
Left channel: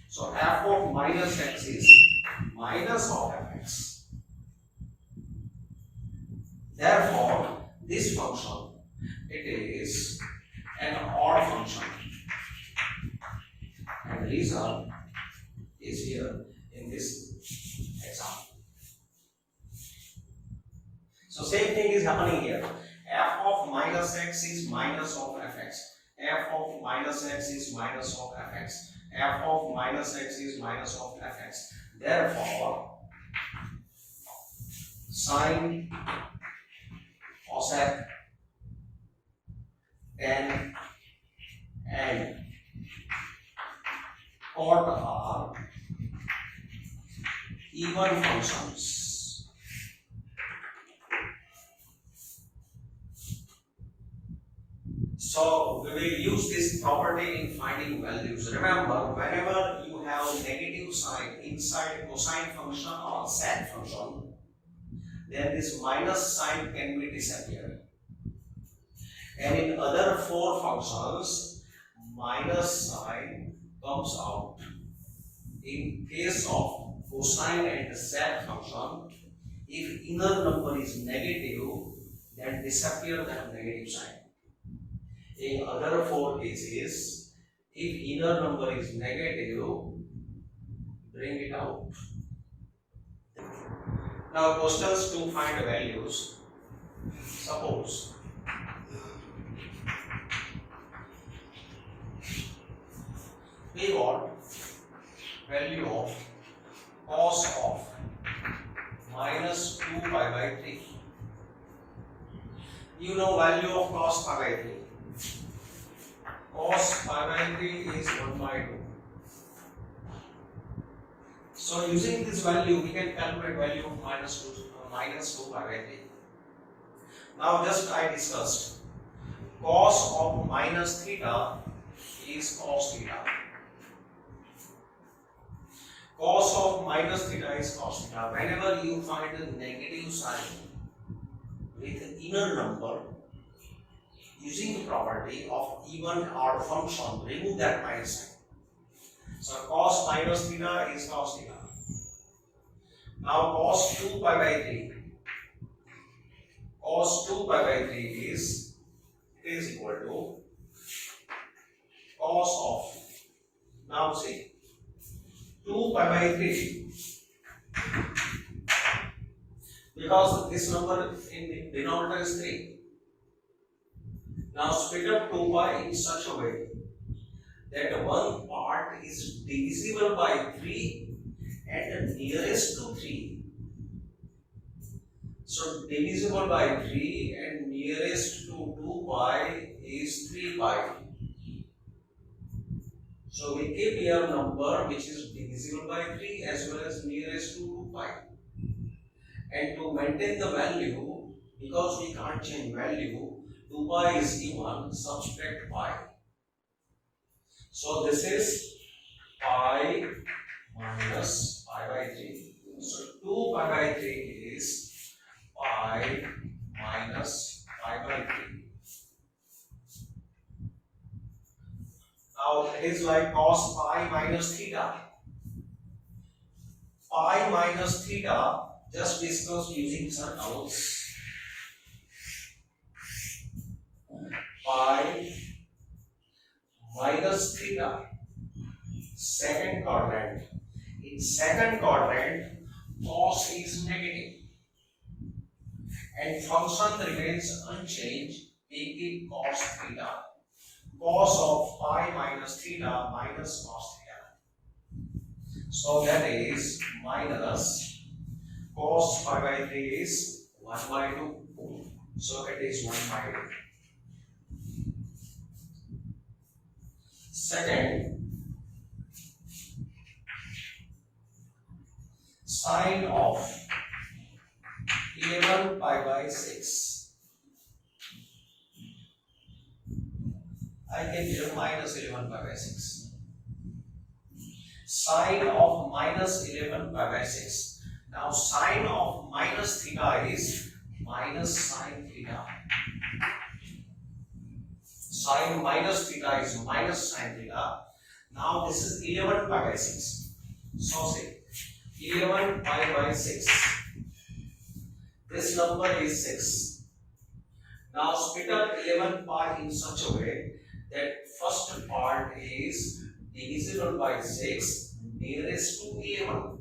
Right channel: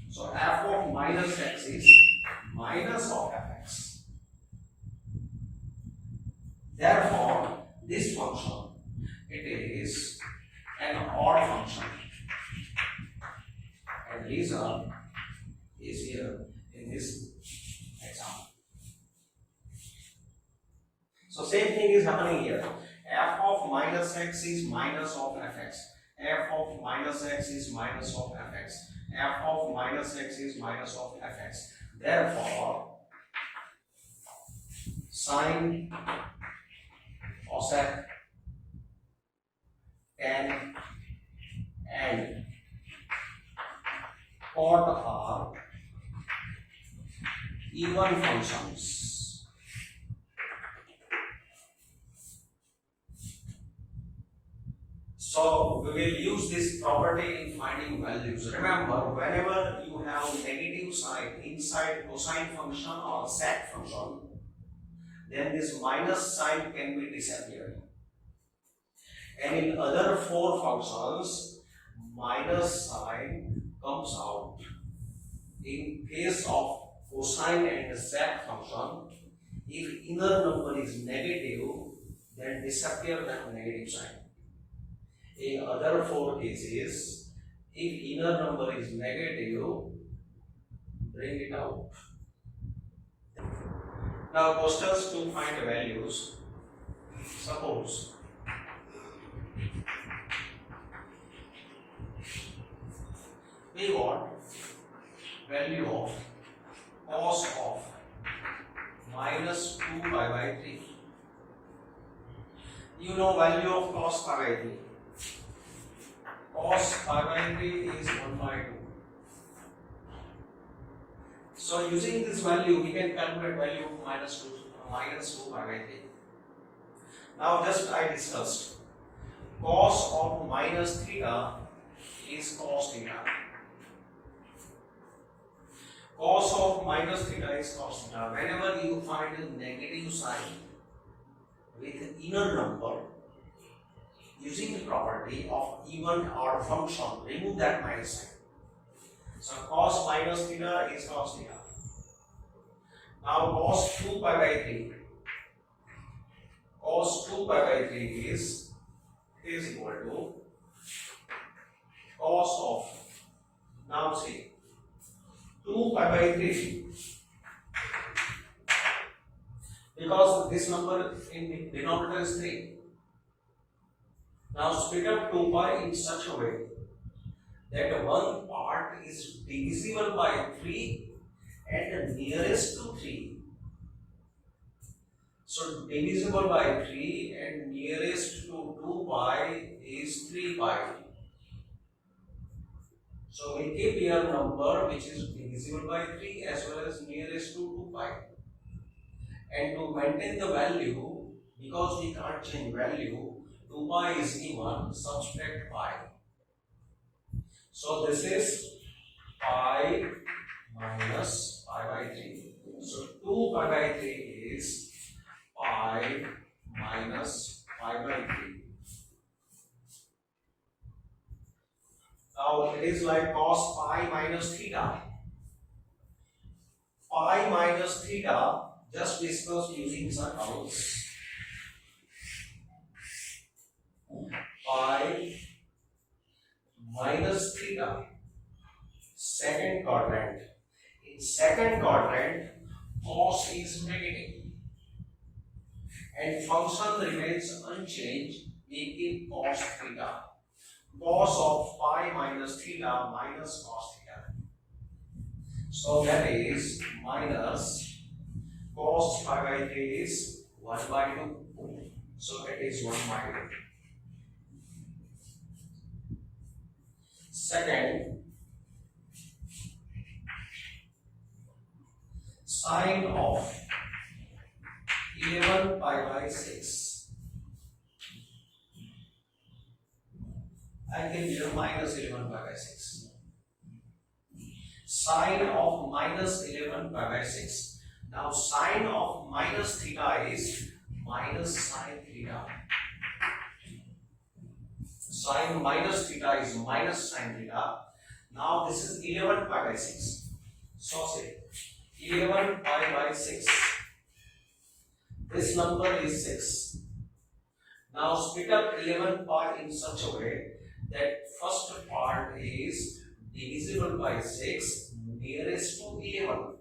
So f of minus x is minus of fx. Therefore, this function, it is an odd function. And result is here in this example. So same thing is happening here. F of minus x is minus of fx. F of minus x is minus of fx. F of minus x is minus of fx. Therefore, sine, cosec, tan, and cot are even functions. So we will use this property in finding values. Remember, whenever you have negative sign inside cosine function or sec function, then this minus sign can be disappeared. And in other four functions, minus sign comes out. In case of cosine and sec function, if inner number is negative, then disappear that negative sign. In other four cases, if inner number is negative, bring it out. Now questions to find values. Suppose we want value of cos of minus 2 pi by 3. You know value of cos pi by 3. Cos pi by 3 is 1 by 2. So using this value, we can calculate value of minus 2 pi by 3. Now just I discussed, cos of minus theta is cos theta. Cos of minus theta is cos theta. Whenever you find a negative sign with inner number, using the property of even odd function, remove that minus sign. So cos minus theta is cos theta. Now cos 2 pi by 3. Cos 2 pi by 3 is equal to cos of, now see, 2 pi by 3, because this number in the denominator is 3. Now split up 2 pi in such a way that one part is divisible by 3 and nearest to 3. So divisible by 3 and nearest to 2 pi is 3 pi. So we keep here number which is divisible by 3 as well as nearest to 2 pi. And to maintain the value, because we can't change value, 2 pi is given, subtract pi. So this is pi minus pi by 3. So 2 pi by 3 is pi minus pi by 3. Now it is like cos pi minus theta. Pi minus theta, just discuss using circles. Pi minus theta, second quadrant. In second quadrant, cos is negative and function remains unchanged. We keep cos theta. Cos of pi minus theta minus cos theta. So that is minus cos pi by 3 is 1 by 2. So it is 1 by 2. Second, sine of 11 pi by 6. I can give minus 11 pi by 6. Sine of minus 11 pi by 6. Now sine of minus theta is minus sine theta. Sine minus theta is minus sine theta. Now this is 11 pi by 6. So say 11 pi by 6. This number is 6. Now split up 11 pi in such a way that first part is divisible by 6 nearest to 11.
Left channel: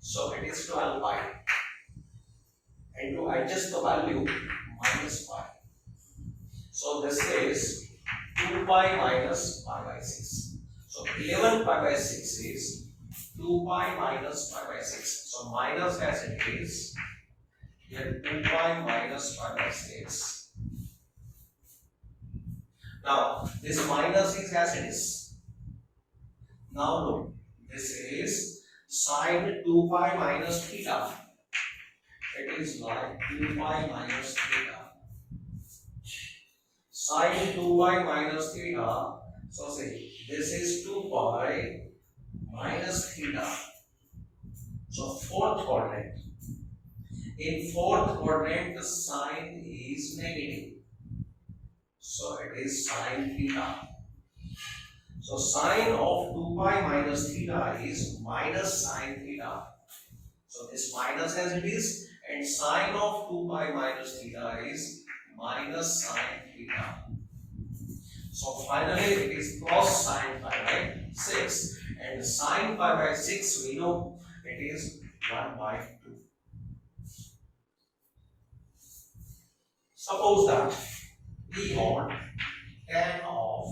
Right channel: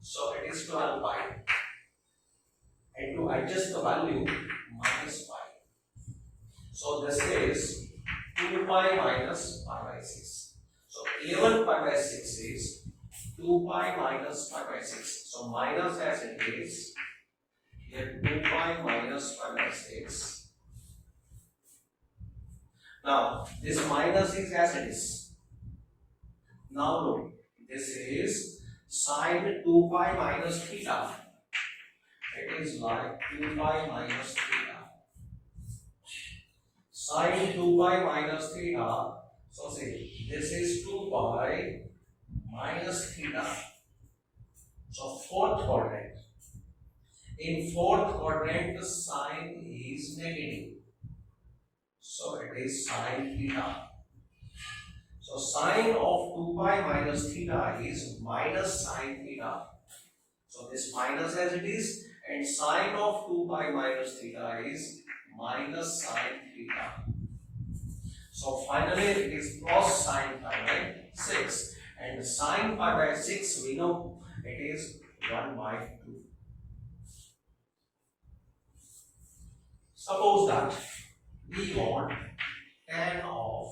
So it is 12 pi. And to adjust the value, minus pi. So this is 2 pi minus pi by 6. So 11 pi by 6 is 2 pi minus pi by 6. So minus as it is, here 2 pi minus pi by 6. Now this minus is as it is. Now look, this is sine 2 pi minus theta. It is like 2 pi minus theta. Sine 2 pi minus theta. So say this is 2 pi minus theta. So fourth quadrant. In fourth quadrant, the sine is negative. So it is sine theta. So sine of 2 pi minus theta is minus sine theta. So this minus as it is, and sine of 2 pi minus theta is minus sine theta. So finally it is plus sine pi by 6, and sine pi by 6 we know it is 1 by 2. Suppose that we want tan of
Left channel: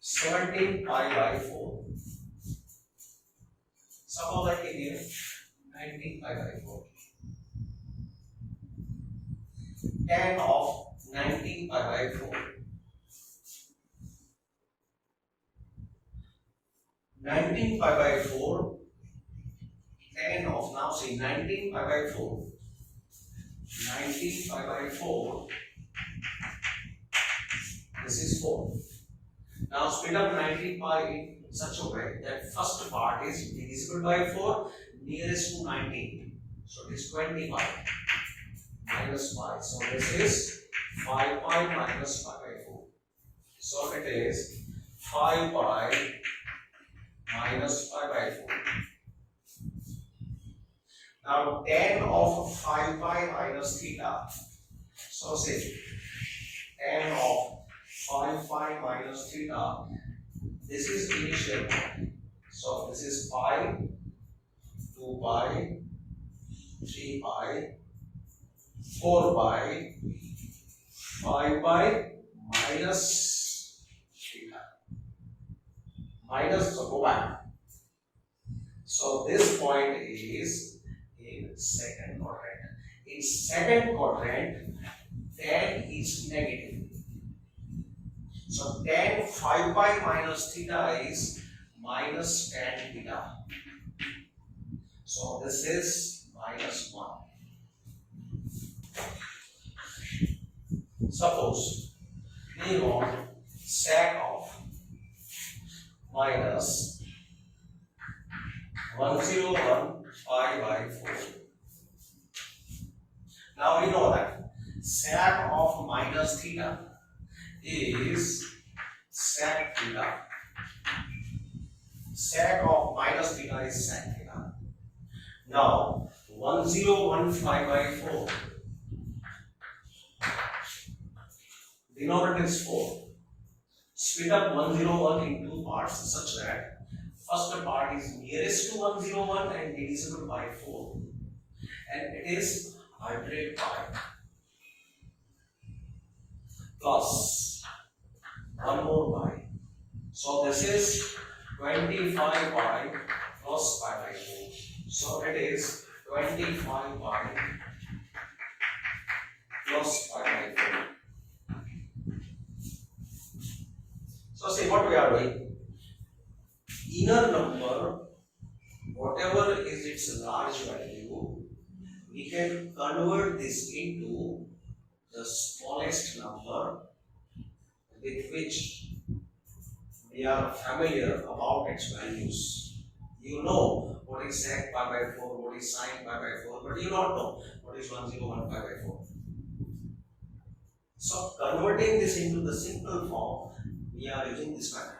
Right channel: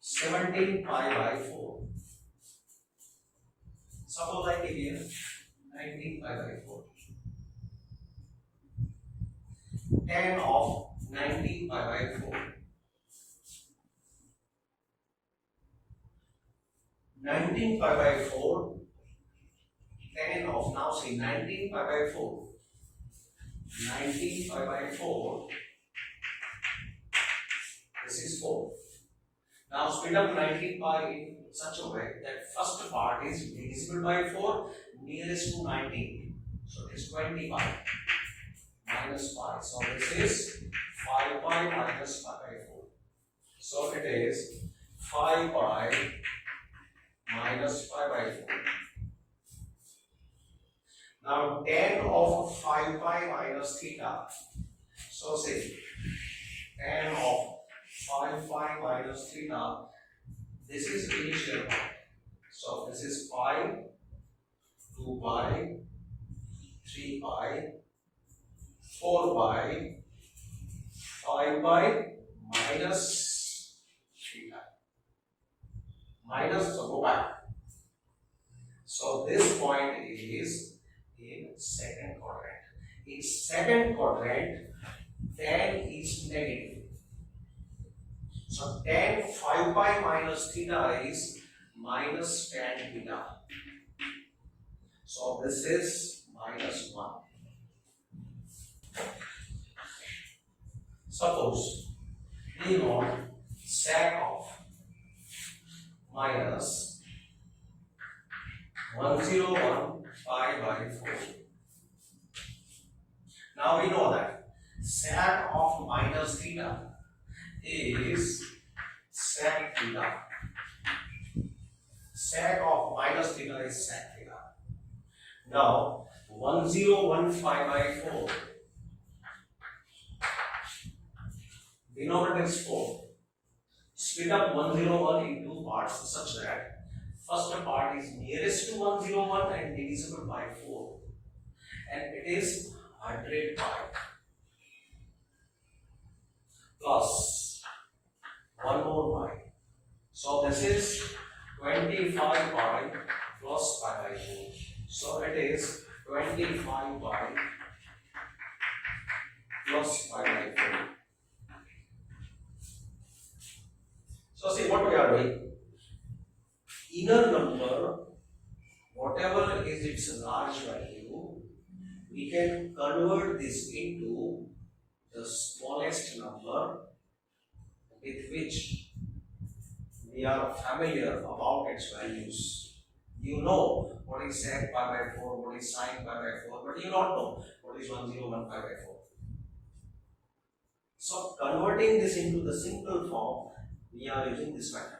17 pi by 4. Suppose I give here 19 pi by 4. Tan of 19 pi by 4. 19 pi by 4. Tan of, now say 19 pi by 4. 19 pi by 4. This is 4. Now split up 19 pi in such a way that first part is divisible by 4 nearest to 19. So it is 20 pi minus pi. So this is 5 pi minus pi by 4. So it is 5 pi minus pi by 4. Now tan of 5 pi minus theta. So say tan of 5 pi minus theta. This is initial point. So this is pi, 2 pi, 3 pi, 4 pi, 5 pi minus theta. Minus, so go back. So this point is in second quadrant. In second quadrant, tan is negative. So tan 5 pi minus theta is minus tan theta. So this is minus 1. Suppose we want sec of minus 101 pi by 4. Now we know that sec of minus theta is sec theta. Sec of minus theta is sec theta. Now 1015 by 4. Denominator is 4. Split up 101 in two parts such that first part is nearest to 101 and divisible by 4. And it is 100 pi plus 1 more pi. So this is 25 pi plus pi by 4. So it is 25 pi plus pi by 4. So see what we are doing. Inner number, whatever is its large value, we can convert this into the smallest number with which we are familiar about its values. You know what is sec pi by 4, what is sin pi by 4, but you don't know what is 101 pi by 4. So converting this into the simple form, we are using this method.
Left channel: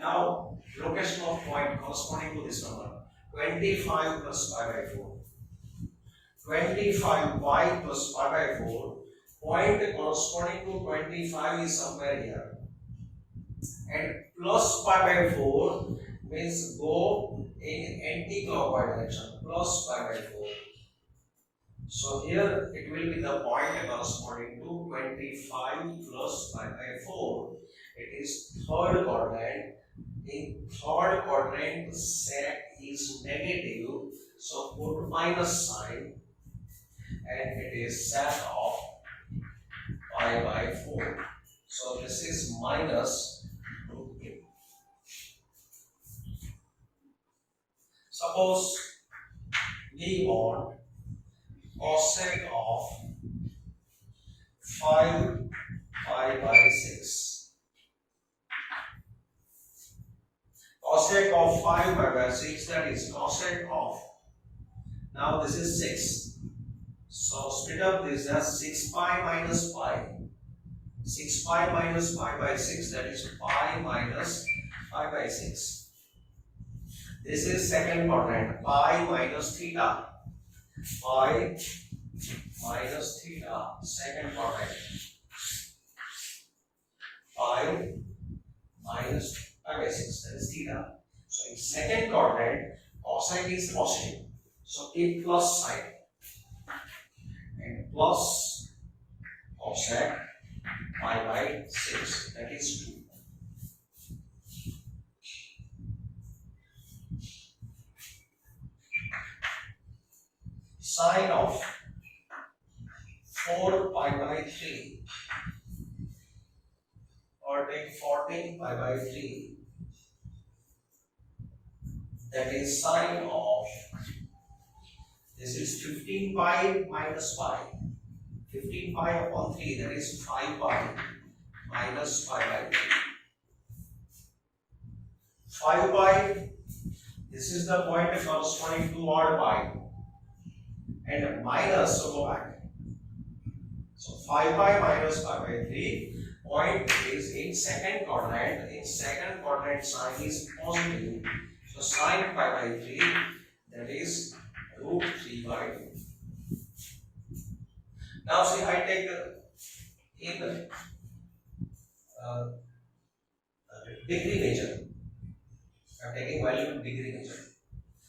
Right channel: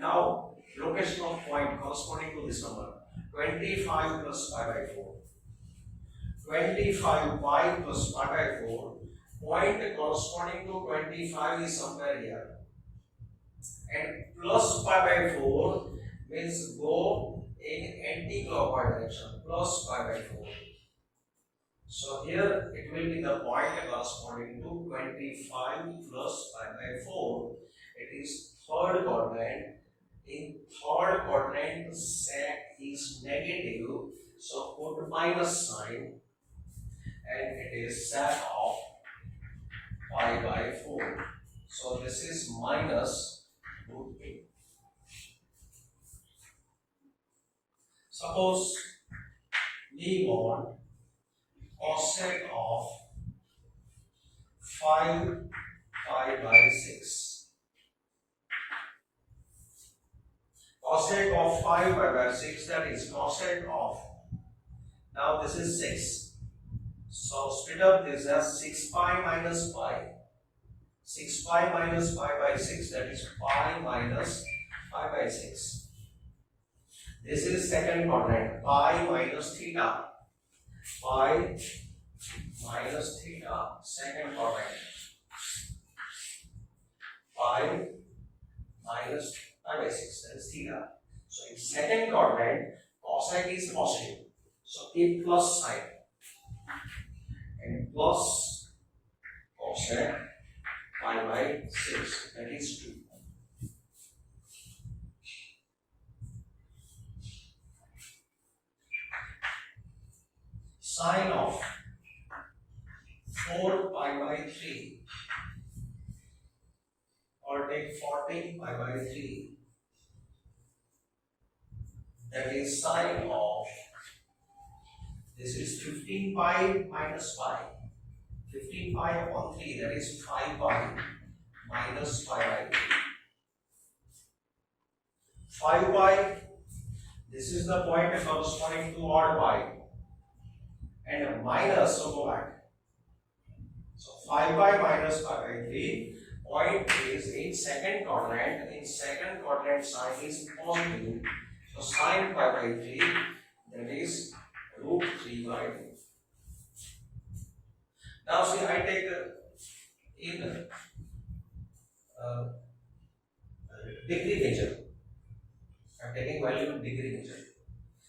Now, location of point corresponding to this number, 25 plus pi by 4. 25 pi plus pi by 4, point corresponding to 25 is somewhere here. And plus pi by 4 means go in anti-clockwise direction, plus pi by 4. So here it will be the point corresponding to 25 plus pi by 4. It is third quadrant. In third quadrant, sec is negative, so put minus sign, and it is sec of pi by 4. So this is minus root 2. Suppose we want cosec of 5 pi by 6. Cosec of 5 pi by 6, that is cosec of, now this is 6. So split up this as 6 pi minus pi. 6 pi minus pi by 6, that is pi minus pi by 6. This is second quadrant, pi minus theta. Pi minus theta, second quadrant. Pi minus pi by 6, that is theta. So in second quadrant, cosine is positive. So keep plus sign. And plus cosec pi by 6, that is 2. Sine of 4 pi by 3, or take 14 pi by 3, that is sine of, this is 15 pi minus pi. 15 pi upon 3, that is 5 pi minus pi by 3. 5 pi, this is the point corresponding to odd pi. And minus, so go back. So 5 pi minus pi by 3, point is in second quadrant. In second quadrant, sign is positive. So sine pi by 3, that is root 3 by 2. Now see, I take in uh, degree measure. I am taking value in degree measure.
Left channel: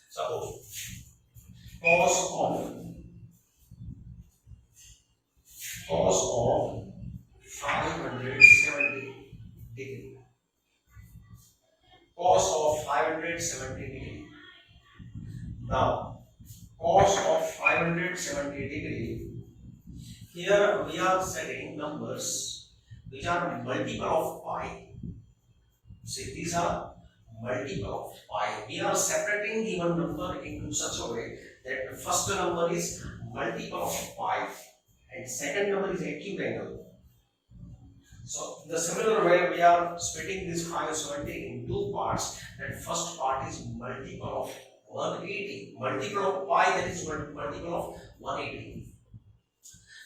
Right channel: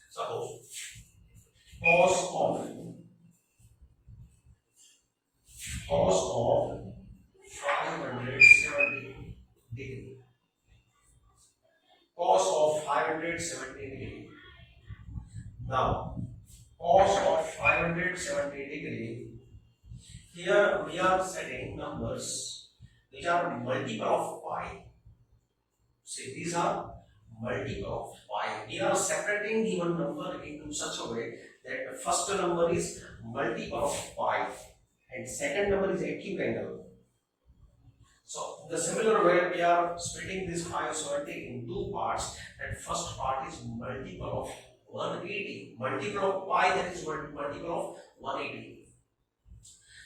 Suppose cos of 570 degree. Cos of 570 degree. Now, cos of 570 degree. Here we are setting numbers which are multiple of pi. See, these are multiple of pi. We are separating given number into such a way that the first number is multiple of pi and second number is acute angle. So, in the similar way, we are splitting this 570 in two parts. That first part is multiple of 180, multiple of pi, that is multiple of 180.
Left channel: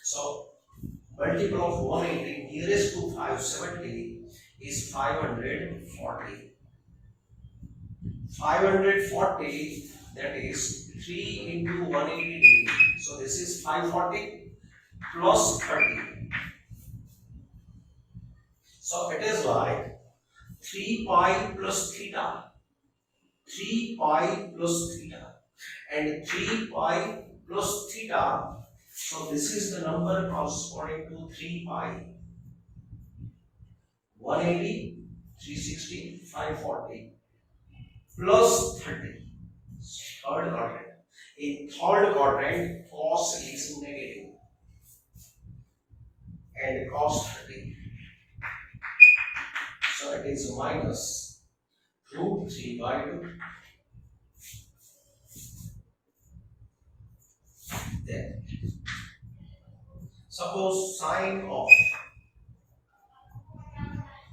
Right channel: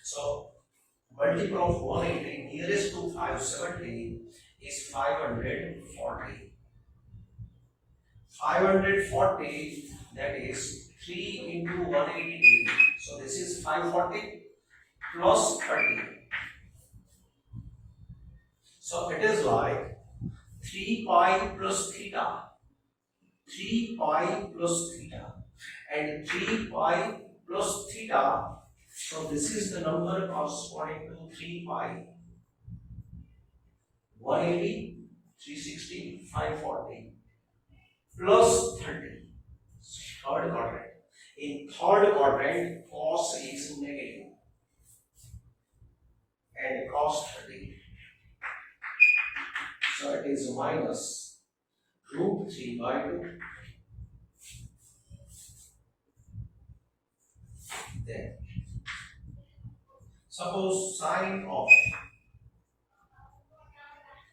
So, multiple of 180 nearest to 570 is 540. 540, that is 3 into 180 degree. So, this is 540 plus 30. So it is like 3 pi plus theta, 3 pi plus theta, and 3 pi plus theta. So this is the number corresponding to 3 pi, 180, 360, 540 plus 30. Third quadrant. In third quadrant, cos is negative and cos 30. So it is minus root 3 by 2. Then, suppose sine of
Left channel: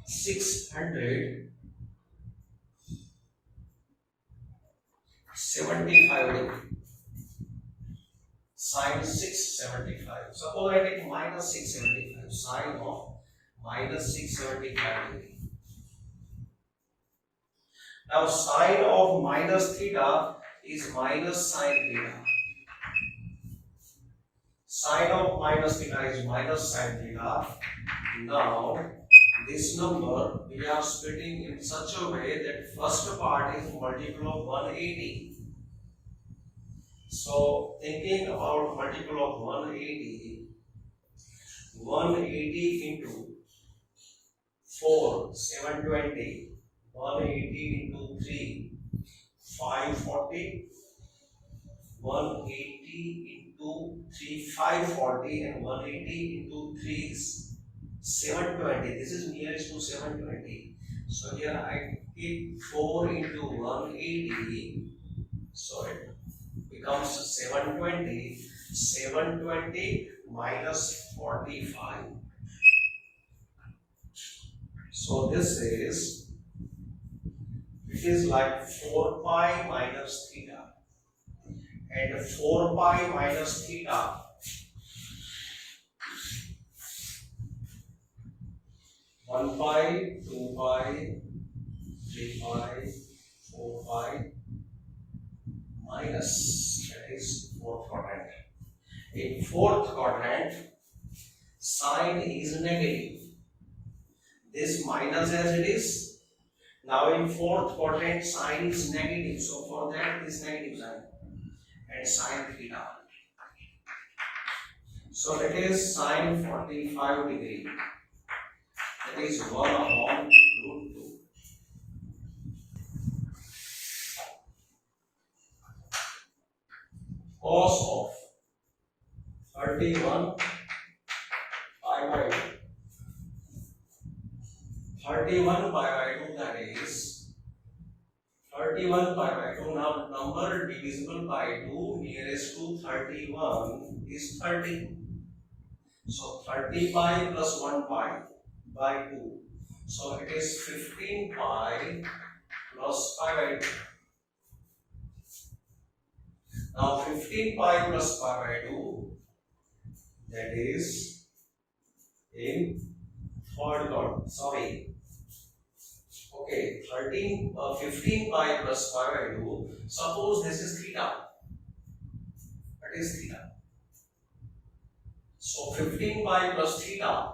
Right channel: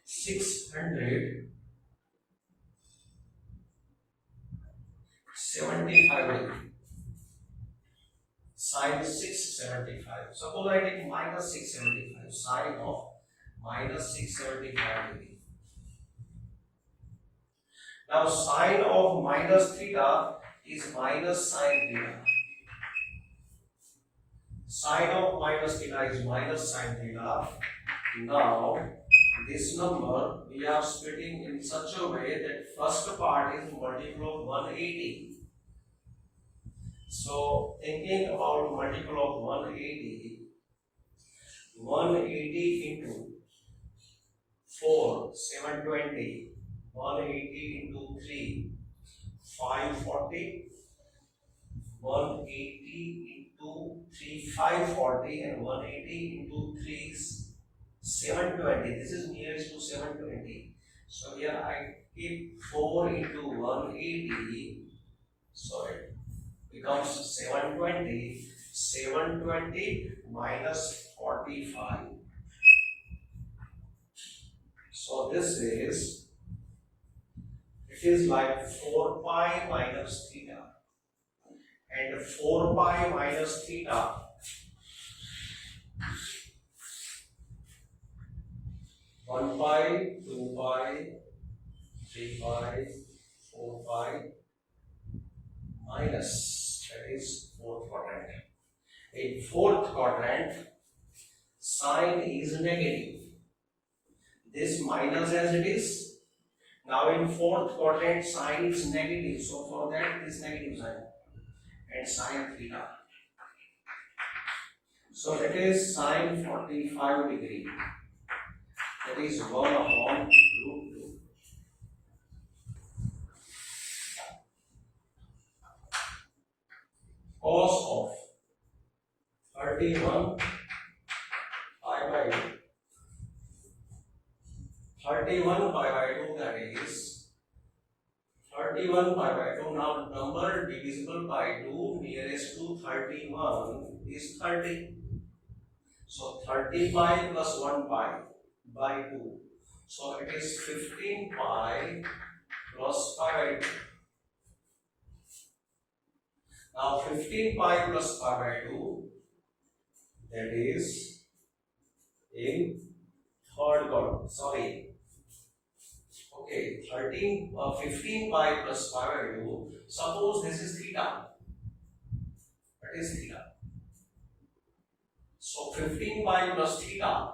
675 degree. Sine 675. Suppose I take minus 675. Sine of minus 675 degree. Now sine of minus theta is minus sine theta. Sine of minus theta is minus sine theta. Now this number we are splitting in such a way that first part is multiple of 180. So thinking about multiple of 180, 180 into 4, 720. 180 into 3, 540, 180 into 3, 540, and 180 into 3 is 720. This is nearest to 720. So here I keep 4 into 180, so it becomes 720. 720 minus 45. So this is, it is like 4 pi minus theta, and 4 pi minus theta one pi, 2 pi, 3 pi, 4 pi minus, that is fourth quadrant. In fourth quadrant, sign is negative. This minus as it is. Now in fourth quadrant, sign is negative, so for that this negative sign and sine theta. So that is sine 45 degree. That is 1 upon root 2. Cos of 31 pi by 2. 31 pi by 2, that is 31 pi by 2. Now number divisible by 2 nearest to 31 is 30. So 30 pi plus 1 pi by 2. So it is 15 pi plus pi by 2. Now 15 pi plus pi by 2, that is in third quadrant. Sorry. Okay, 15 pi plus pi by 2. Suppose this is theta. That is theta. So 15 pi plus theta,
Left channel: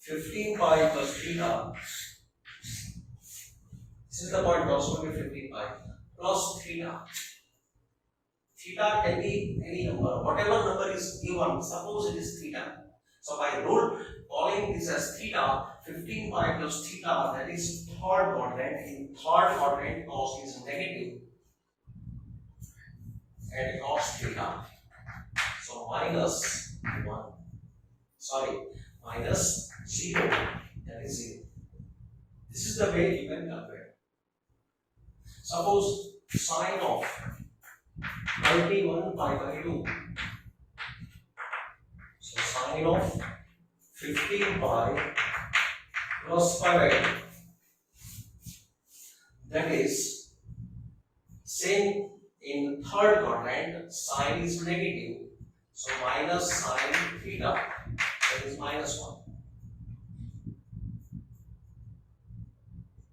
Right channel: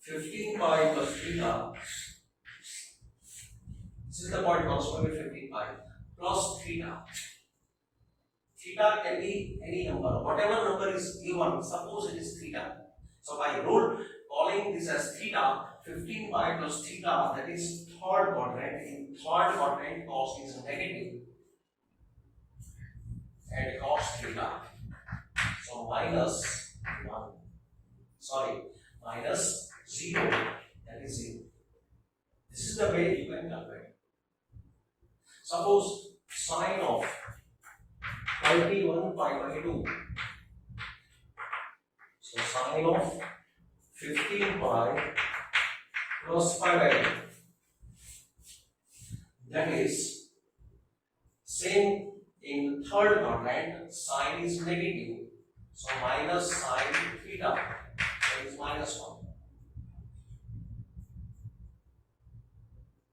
15 pi plus theta, this is the point corresponding to 15 pi plus theta. Theta can be any number, whatever number is given, suppose it is theta. So by rule, calling this as theta, 15 pi plus theta, that is third quadrant. In third quadrant, cos is negative and cos theta. So minus 1, minus 0, that is 0. This is the way you can calculate. Suppose sine of 21 pi by 2. So sine of 15 pi plus pi by 2. That is same in third quadrant, sine is negative. So minus sine theta, that is minus 1.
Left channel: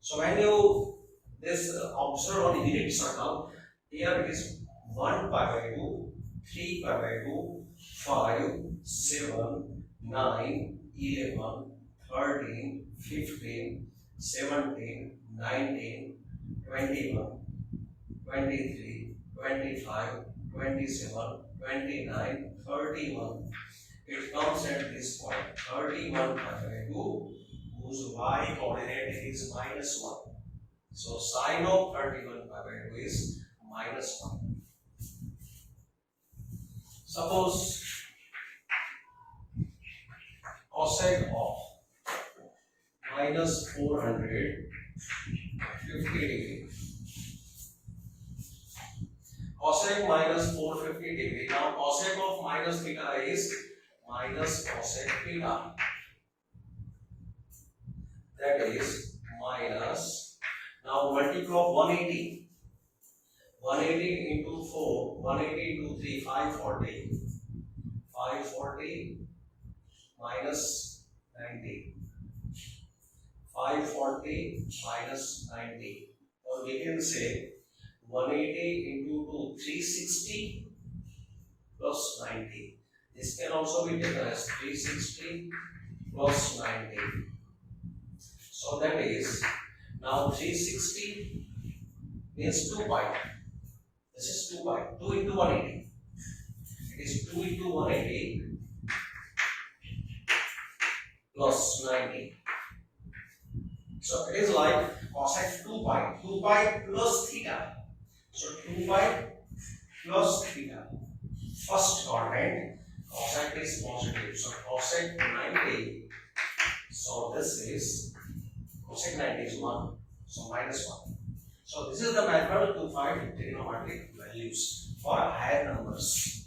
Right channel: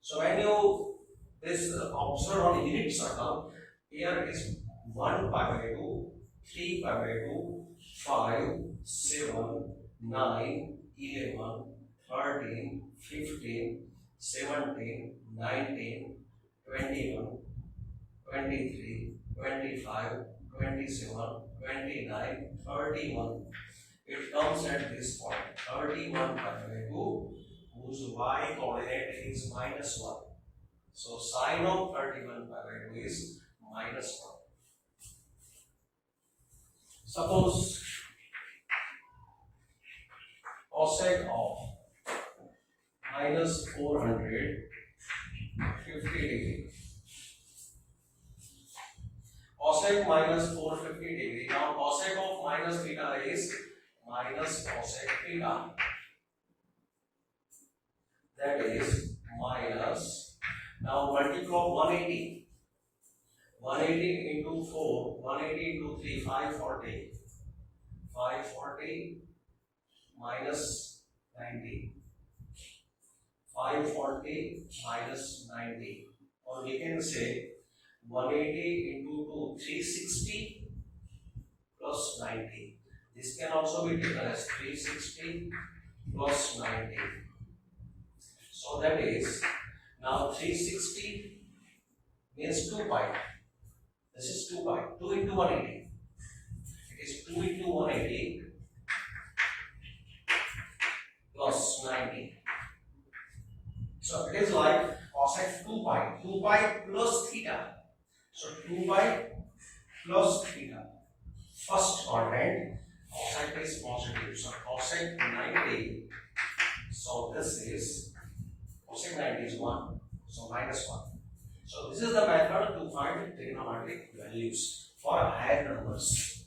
So when you observe on the unit circle, here it is 1 pi by 2, 3 pi by 2, 5, 7, 9, 11, 13, 15, 17, 19, 21, 23, 25, 27, 29, 31. It comes at this point, 31 pi by 2, whose y coordinate is minus 1. So sine of 31 pi by 2 is minus 1. Suppose cosec of minus 450 degree. Cosec minus 450 degree. Now cosec of minus theta is minus cosec theta. That is minus. Now multiply 180. 180 into 4, 180 into 3, 540. 540 minus 90. 540 minus 90. Or we can say 180 into 2, 360 plus 90. This can also be taken as 360 plus 90. So that is, now 360 means 2 pi. This is 2 pi, 2 into 180. It is 2 into 180 plus 90. So it is like cosec 2 pi plus theta. So 2 pi plus theta. First quadrant, cosec is positive. So cosec 90. So this is cosec 90 is 1. So minus 1. So this is the method to find trigonometric values for higher numbers.